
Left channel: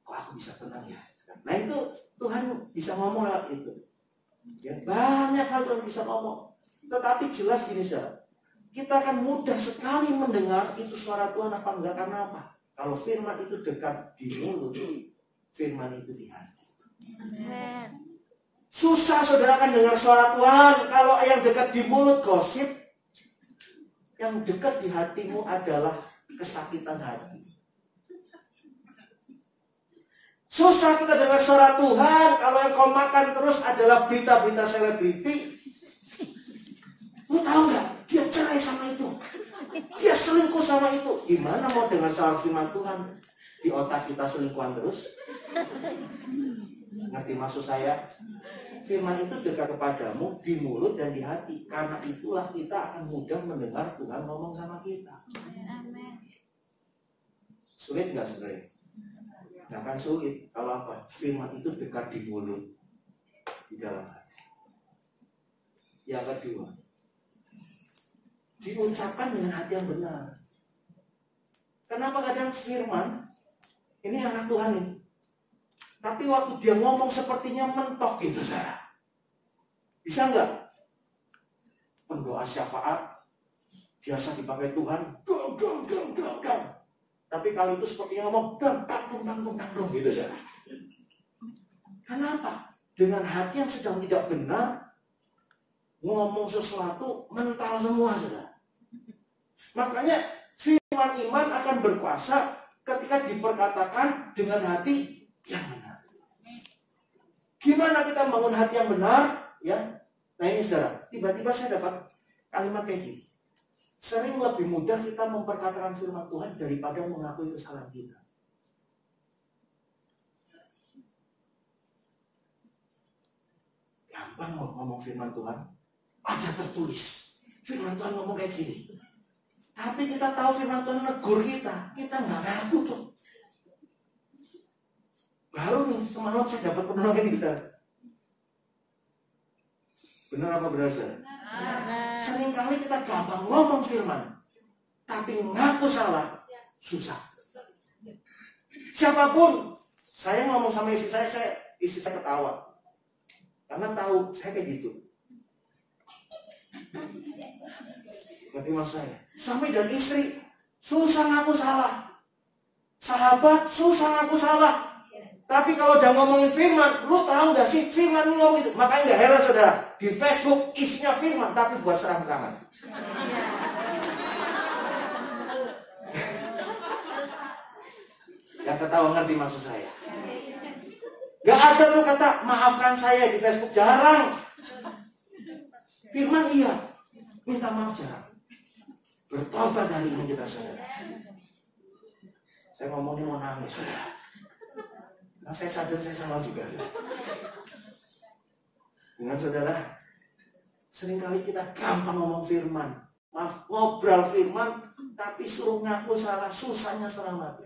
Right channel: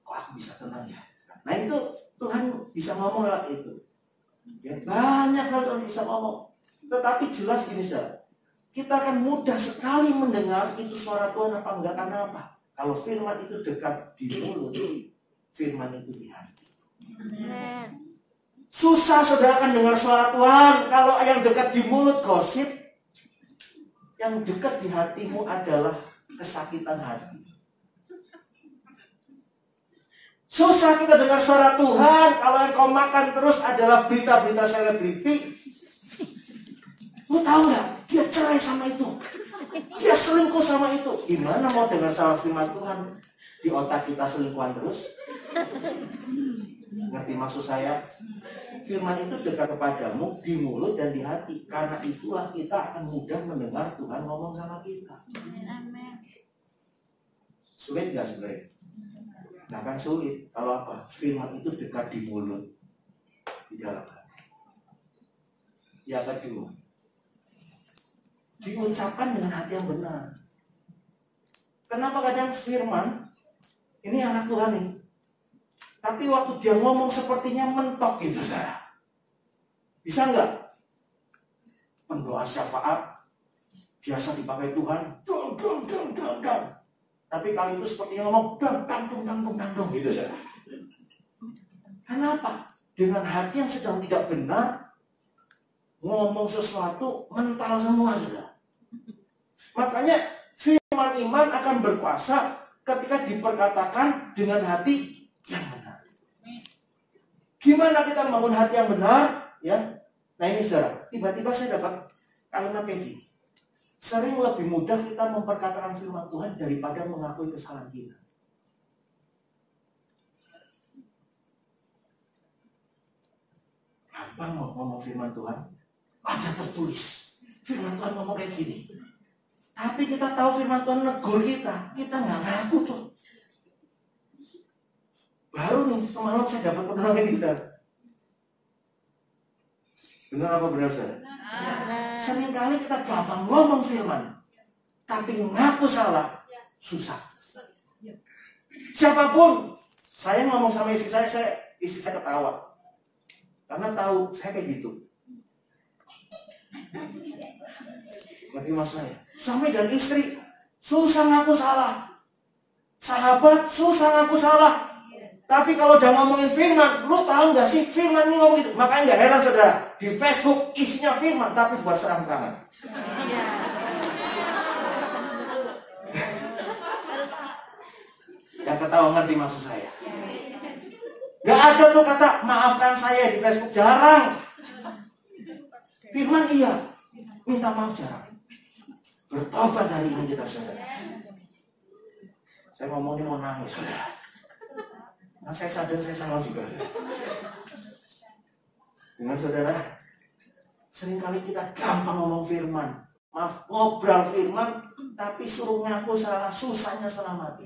Kok aku bisa tenang ya? Nah itu Tuhan bisa ngomong lewat itu. Ya, banyak hal Tuhan bisa ngomong. Tetapi jelas gini saudara, kita akan mudah sekali mendengar itu suara Tuhan apa enggak. Karena apa? Kalau firman itu dekat di mulut, firman itu di hati. Susah saudara akan dengar suara Tuhan kalau yang dekat di mulut gosip. Yang dekat di hatimu adalah kesakitan hati. Susah kita dengar suara Tuhan kalau yang kau makan terus adalah berita-berita selebriti. Lu tahu nggak? Dia cerai sama itu, dia selingkuh sama itu. Gimana mau dengar suara firman Tuhan? Di otak kita selingkuhan terus. Ngerti maksud saya? Firman itu dekat kepadamu di mulut dan di hati. Karena itulah kita akan mudah mendengar Tuhan ngomong sama kita. Sulit nggak sebenarnya? Nah kan sulit. Kalau apa? Firman itu dekat di mulut, di dalam hati. Yang kedua, diucapkan dengan hati yang benar. Kenapa kadang firman ini anak Tuhan nih, tapi waktu dia ngomong sepertinya mentok gitu saudara. Bisa nggak? Pendoa syafaat biasa dipakai Tuhan, dong. Tapi kali itu sepertinya ngomong dong gitu saudara. Kenapa? Dengan hati yang sedang tidak benar, ngomong sesuatu mental semua saudara. Makanya firman iman akan berkuasa ketika diperkatakan dengan hati yang benar. Gimana kita membangun hati yang benar? Ya, nah ini saudara, tiba-tiba saya dapat kalimat kayak gini. Sering lebih mudah kita memperkatakan firman Tuhan daripada mengakui kesalahan kita. Gampang mau ngomong firman Tuhan, ada tertulis firman Tuhan ngomong kayak gini. Tapi kita tahu firman Tuhan negur kita nggak ngaku tuh. Baru nih semalam saya dapat penolongan kita. Benar apa benar saudara? Seringkali kita gampang ngomong firman, tapi ngaku salah susah. Siapapun, saya ngomong sama istri saya ketawa, karena tahu saya kayak gitu. Ngerti maksud saya? Suami dan istri susah ngaku salah, sahabat susah ngaku salah. Tapi kalau udah ngomongin firman, lu tahu nggak sih firman ini ngomong gitu? Makanya nggak heran saudara, di Facebook isinya firman tapi buat serang-serangan. Yang ketawa ngerti maksud saya? Gak ada tuh kata maafkan saya di Facebook, jarang. Firman iya, minta maaf jarang. Bertobat hari ini kita saudara. Saya ngomongnya mau nangis saudara. Nah, saya sadar saya salah juga. Dengan saudara, seringkali kita gampang ngomong firman, maaf, ngobrol firman, tapi suruh ngaku salah, susahnya setengah mati.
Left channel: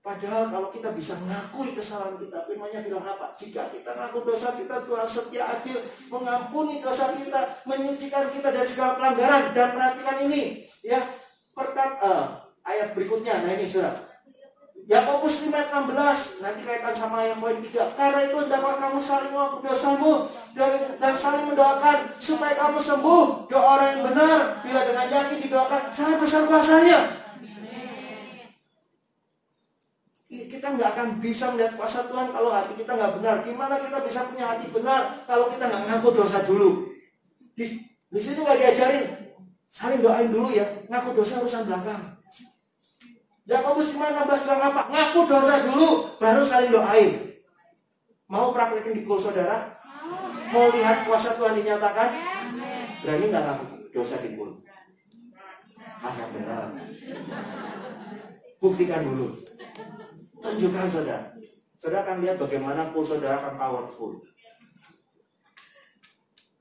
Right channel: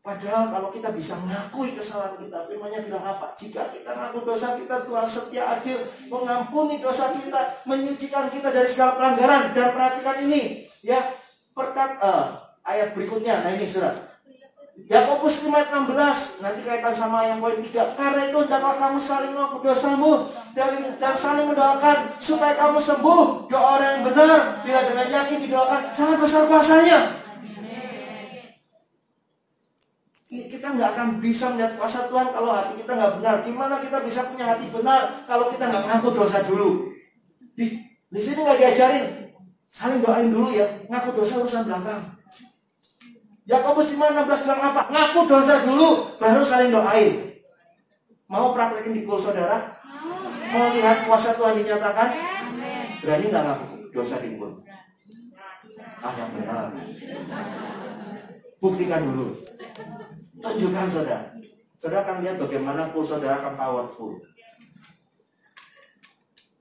Padahal kalau kita bisa mengakui kesalahan kita, firman-Nya bilang apa? Jika kita ngaku dosa kita, Tuhan setia adil, mengampuni dosa kita, menyucikan kita dari segala pelanggaran. Dan perhatikan ini, ya, ayat berikutnya. Nah ini saudara, Yakobus 5 ayat 16, nanti kaitan sama yang poin 3. Karena itu dapat kamu saling mengaku dosamu dan saling mendoakan supaya kamu sembuh. Doa orang yang benar bila dengan yakin didoakan sangat besar kuasanya. Kita nggak akan bisa melihat kuasa Tuhan kalau hati kita nggak benar. Gimana kita bisa punya hati benar kalau kita nggak mengaku dosa dulu? Di sini nggak diajarin Saling doain dulu ya. Ngaku dosa urusan belakang. Yakobus 5:16 bilang apa? Ngaku dosa dulu, baru saling doain. Mau praktekin di kul saudara? Mau lihat kuasa Tuhan dinyatakan? Berani nggak ngaku dosa di kul? Yang benar. Buktikan dulu. Tunjukkan saudara. Saudara akan lihat bagaimana kul saudara akan powerful.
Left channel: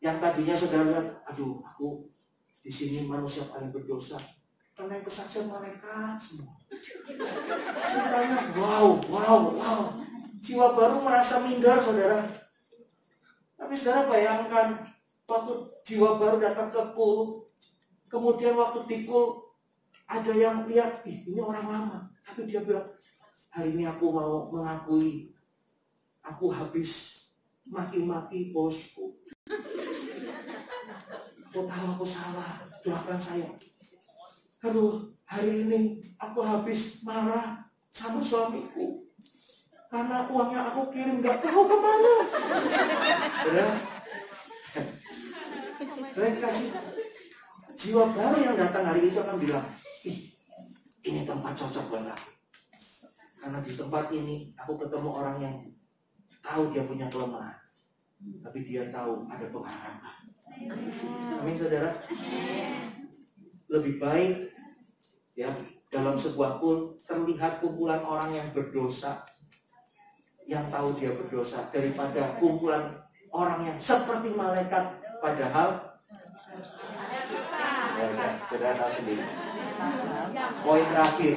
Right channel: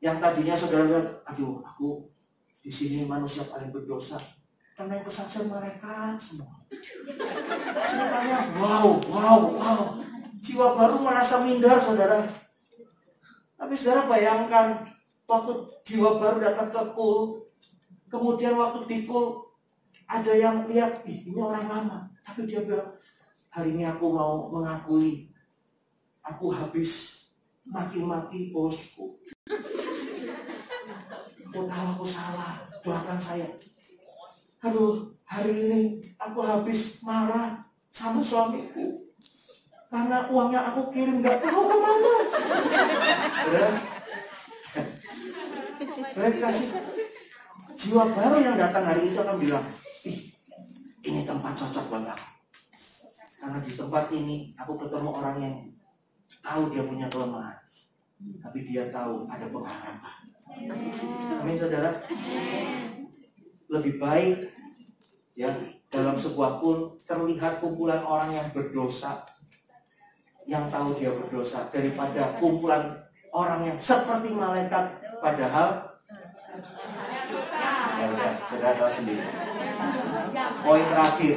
Yang tadinya saudara lihat, aduh, aku di sini manusia paling berdosa. Karena yang kesaksian mereka semua. Ceritanya, wow. Jiwa baru merasa minder, saudara. Tapi saudara bayangkan, waktu jiwa baru datang ke kul, kemudian waktu di kul, ada yang lihat, ini orang lama. Tapi dia bilang, hari ini aku mau mengakui, aku habis maki-maki bosku. Aku tahu aku salah, doakan saya. Aduh, hari ini aku habis marah sama suamiku. Karena uangnya aku kirim gak tahu kemana. Berarti kasih jiwa baru yang datang hari itu akan bilang, ini tempat cocok buat aku. Karena di tempat ini aku ketemu orang yang tahu dia punya kelemahan. Tapi dia tahu ada pengharapan. Amin saudara. Lebih baik ya dalam sebuah kul terlihat kumpulan orang yang berdosa, yang tahu dia berdosa, daripada kumpulan orang yang seperti malaikat padahal ya udah, saudara tahu sendiri. Poin terakhir.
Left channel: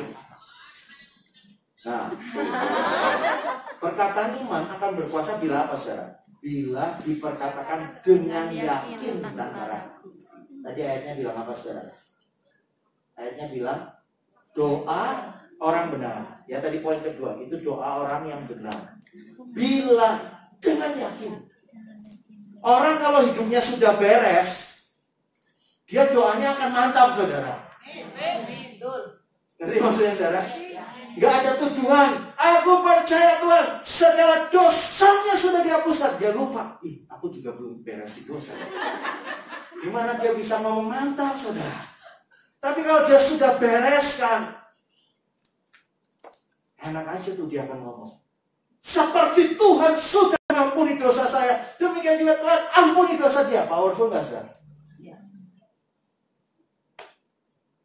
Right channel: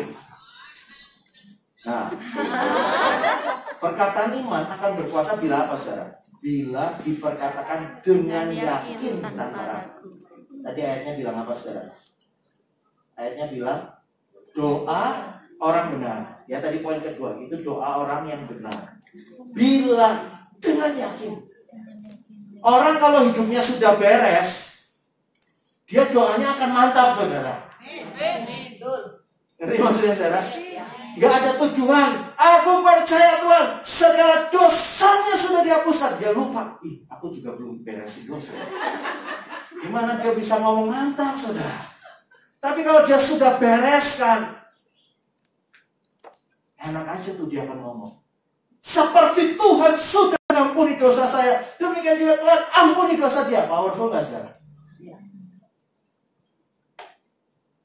Nah, perkataan iman akan berkuasa bila apa saudara? Bila diperkatakan dengan yakin tanpa ragu. Tadi ayatnya bilang apa saudara? Ayatnya bilang doa orang benar. Ya tadi poin kedua itu doa orang yang benar. Bila dengan yakin. Orang kalau hidupnya sudah beres, dia doanya akan mantap saudara. Ngerti maksudnya saudara? Gak ada tujuan. Aku percaya Tuhan, segala dosanya sudah dihapuskan. Dia lupa, aku juga belum beresin dosa. Gimana dia bisa ngomong mantap saudara? Tapi kalau dia sudah bereskan, enak aja tuh dia akan ngomong. Seperti Tuhan sudah mengampuni dosa saya, demikian juga Tuhan ampuni dosa dia. Powerful gak saudara?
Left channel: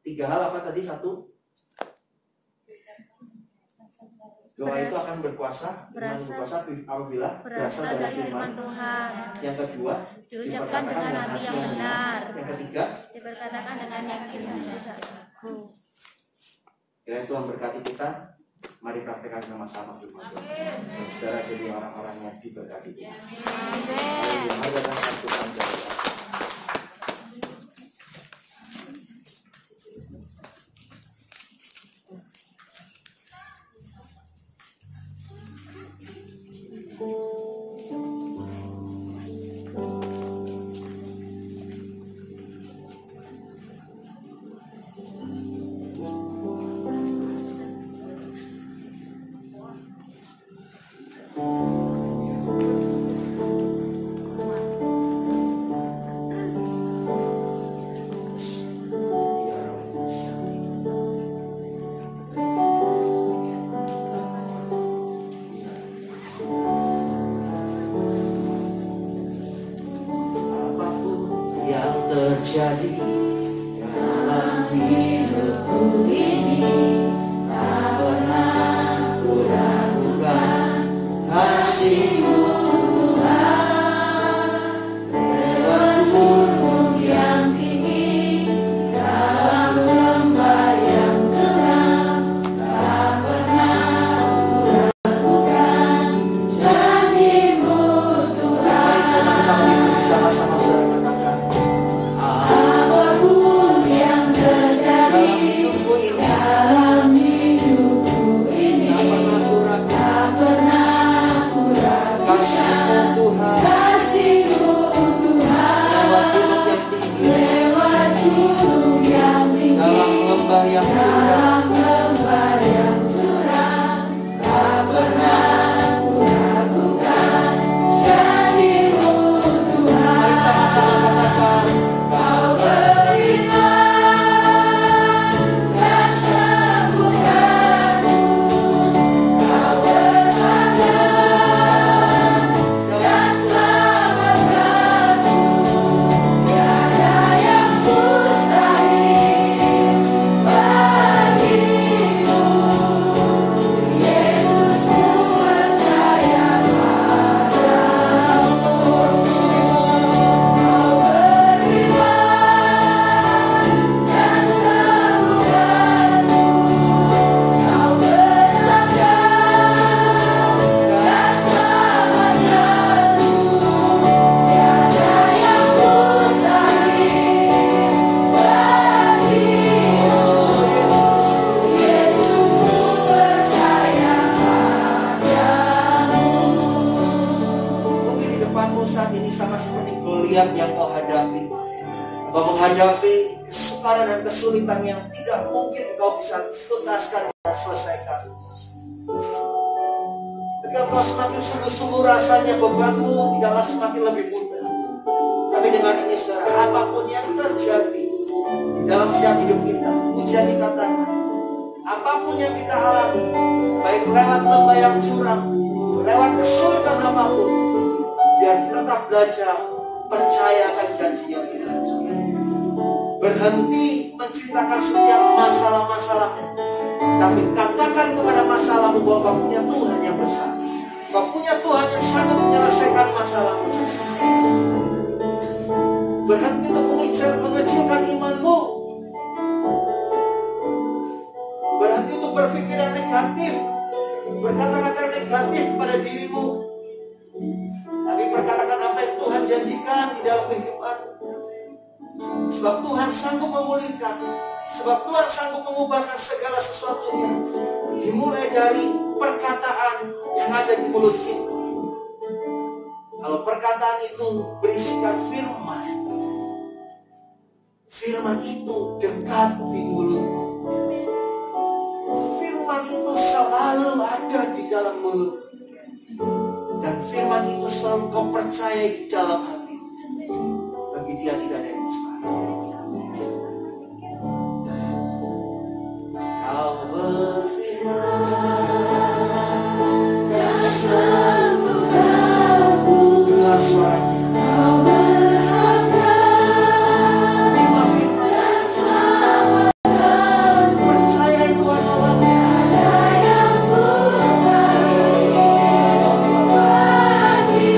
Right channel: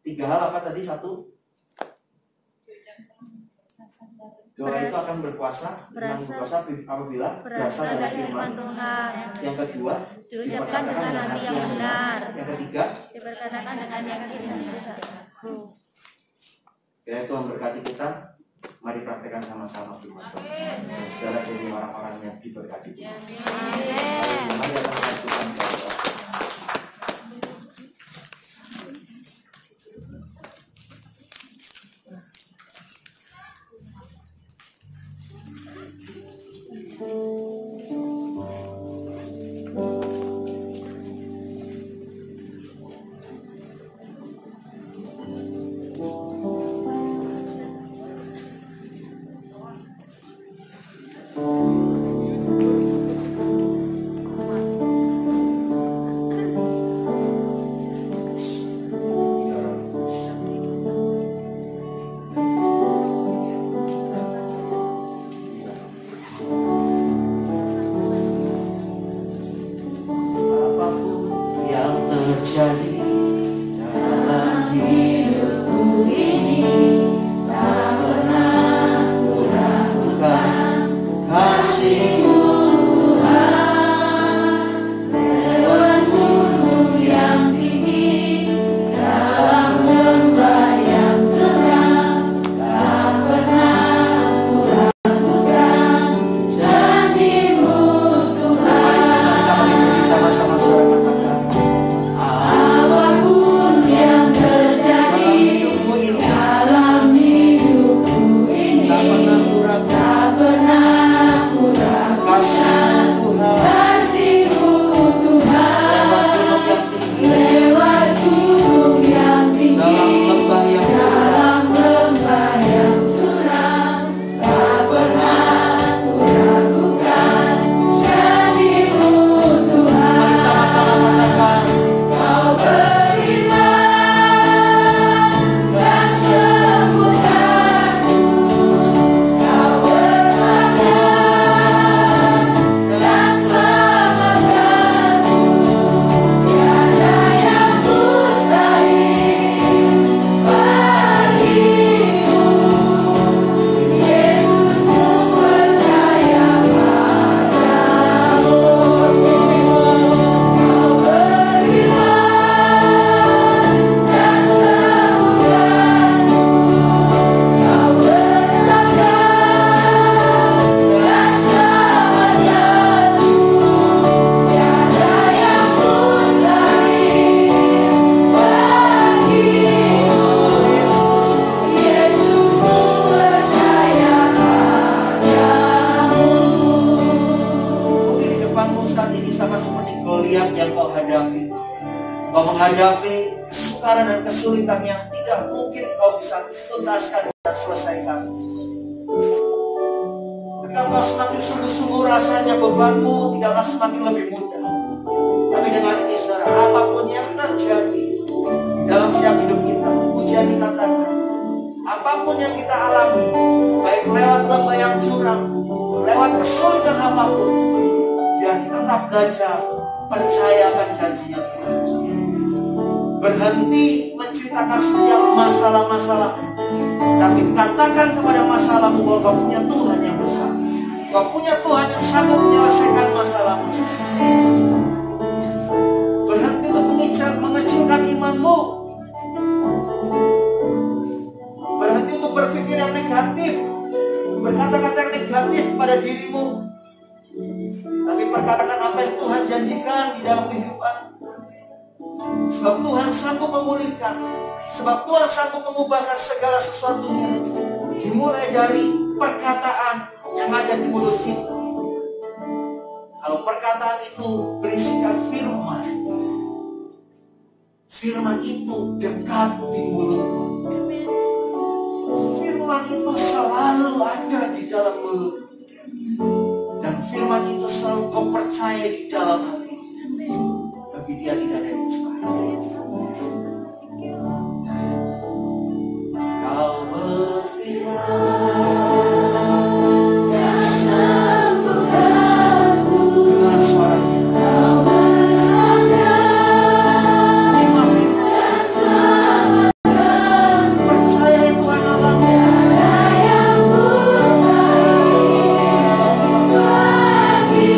3 hal apa tadi? 1, doa itu akan berkuasa apabila berasal dari firman Tuhan. Yang kedua, diucapkan dengan hati yang benar. Yang ketiga, diperkatakan dengan yakin dan tidak ragu. Kiranya Tuhan berkati kita. Mari praktekkan sama-sama firman Tuhan. Dan saudara jadi orang-orang yang diberkati. Amin. Mari datang ke Tuhan. Terjadi dalam hidupku ini, tak pernah kuragukan kasih-Mu Tuhan. Lewat gunung yang tinggi, dalam lembah yang terang, tak pernah kuragukan janji-Mu Tuhan. Sama-sama suara katakan, sama seperti Goliat yang kau hadapi. Kau menghadapi kesukaran dan kesulitan yang tidak mungkin kau bisa tuntaskan dan selesaikan. Ketika kau semakin sungguh-sungguh rasanya bebanmu tidaklah semakin lebih mudah. Tapi dengan ini saudara, apapun yang terjadi di dalam setiap hidup kita, ujian dikatakan, apapun yang kita alami, baik lewat lembah yang curam, lewat kesulitan apapun, biar kita tetap belajar percaya akan janjinya Tuhan. Berhenti menceritakan setiap masalah-masalah, tapi katakan kepada masalahmu bahwa kau punya Tuhan yang besar, kau punya Tuhan yang sanggup menyelesaikan masalahmu. Berhenti untuk mengecilkan imanmu, berhenti untuk berpikir yang negatif, berkata-kata yang negatif pada dirimu, tapi perkatakan apa yang Tuhan janjikan di dalam kehidupan. Sebab Tuhan sanggup memulihkan, sebab Tuhan sanggup mengubahkan segala sesuatunya, dimulai dari perkataan yang ada di mulut kita. Kalau perkataan itu berisikan firman, firman itu dekat di mulutmu. Firman itu selalu ada di dalam mulut, dan firman itu selalu kau percaya di dalam hati. Bagi Dia tidak ada yang mustahil. Kau berfirman dan sembuhkanku. Dengar suaranya. Kau bersabda, terima firman dan selamatkanku. Percaya Tuhan Allah. Tiada yang mustahil bagimu.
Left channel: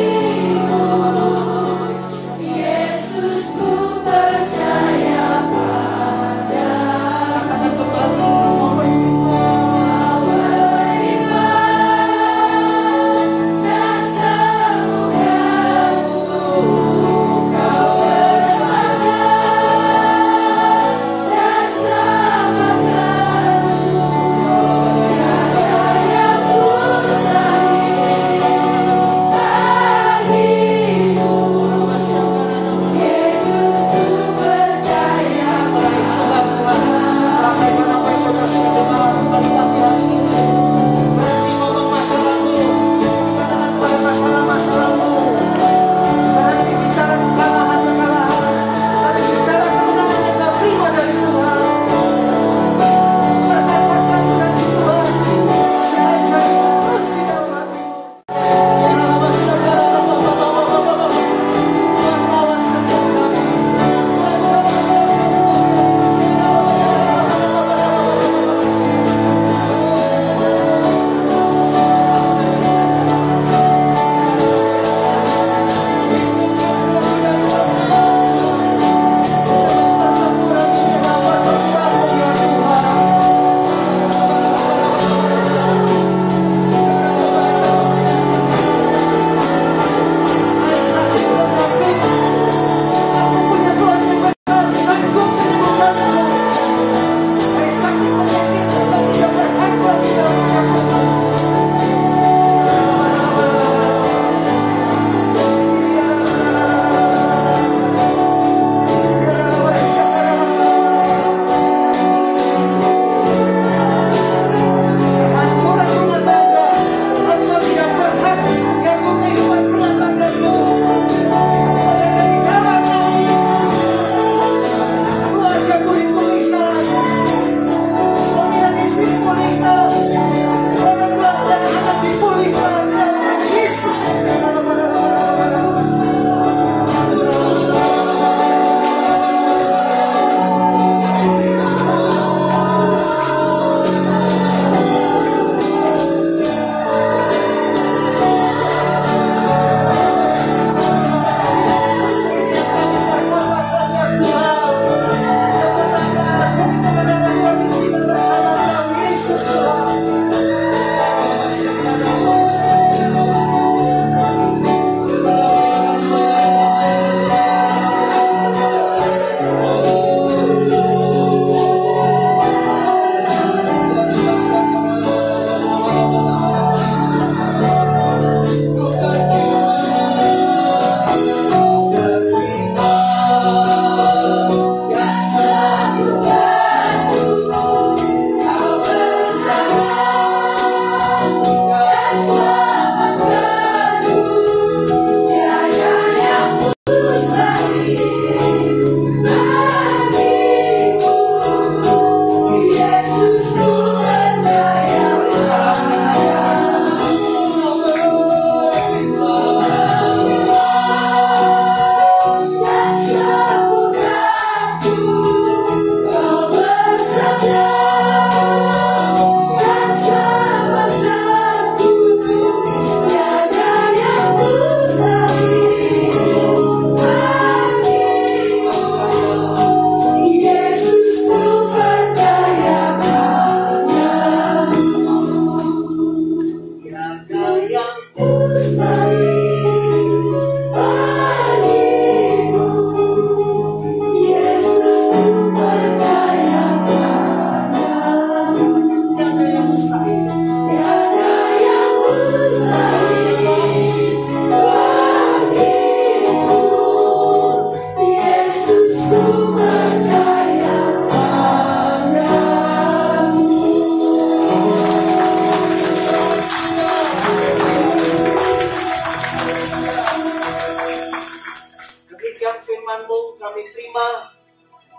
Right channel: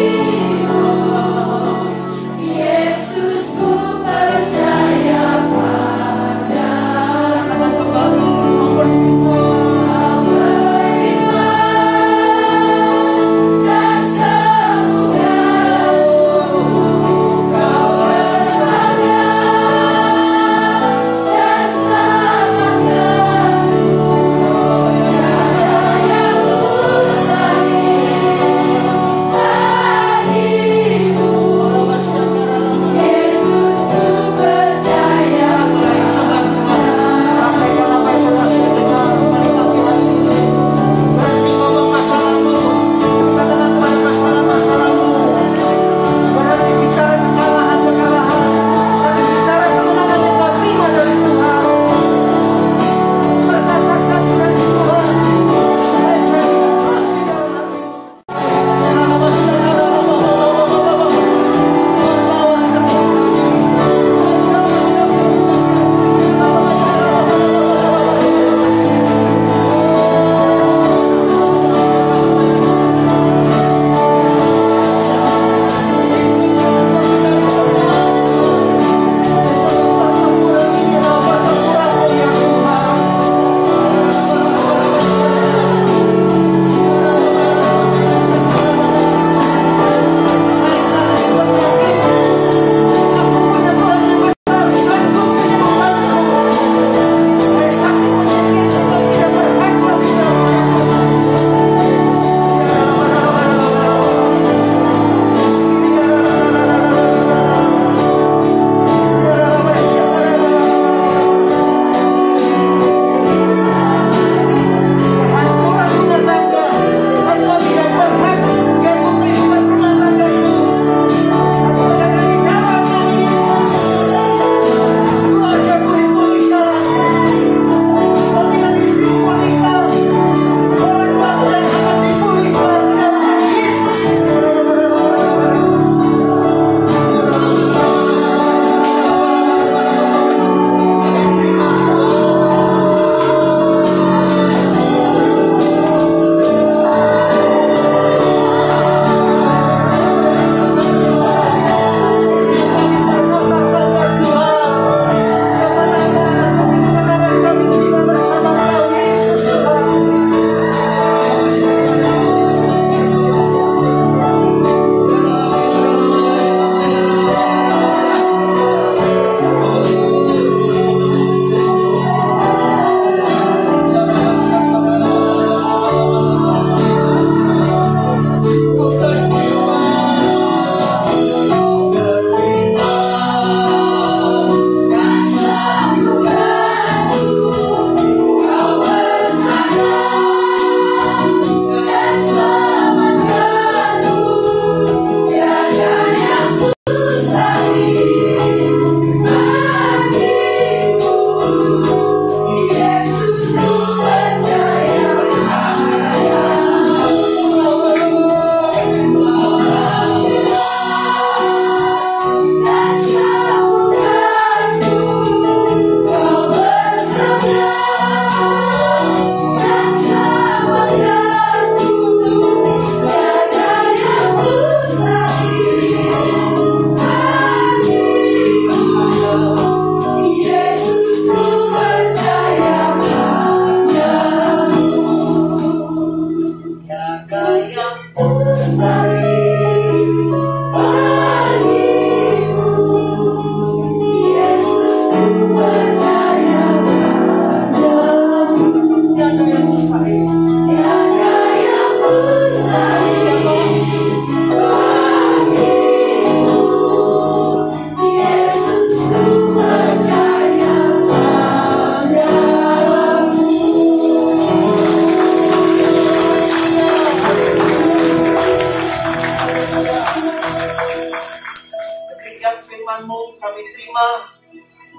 menyaksikan firman-Mu, kami terima.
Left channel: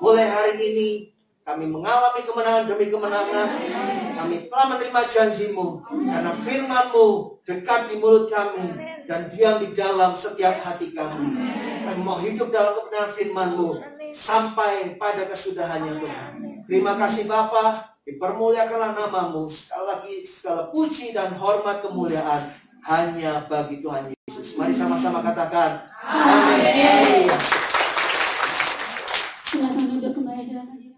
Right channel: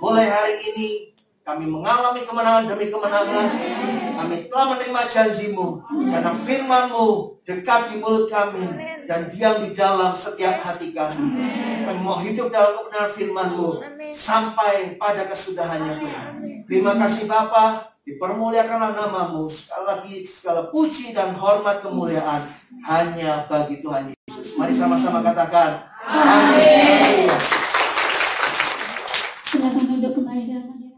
Mulai hari ini kami mengalami kemenangan demi kemenangan. Kami telah menerima janji-Mu, karena firman-Mu dekat di mulut kami dan diam di dalam setiap hati kami. Kami mau hidup dalam kebenaran firman-Mu sampai pada kesudahannya Tuhan. Terima kasih Bapa, dipermuliakanlah nama-Mu. Sekali lagi segala puji dan hormat kemuliaan hanya bagi Tuhan Yesus. Mari sama-sama katakan amin. Silakan duduk kembali dalam hadirat.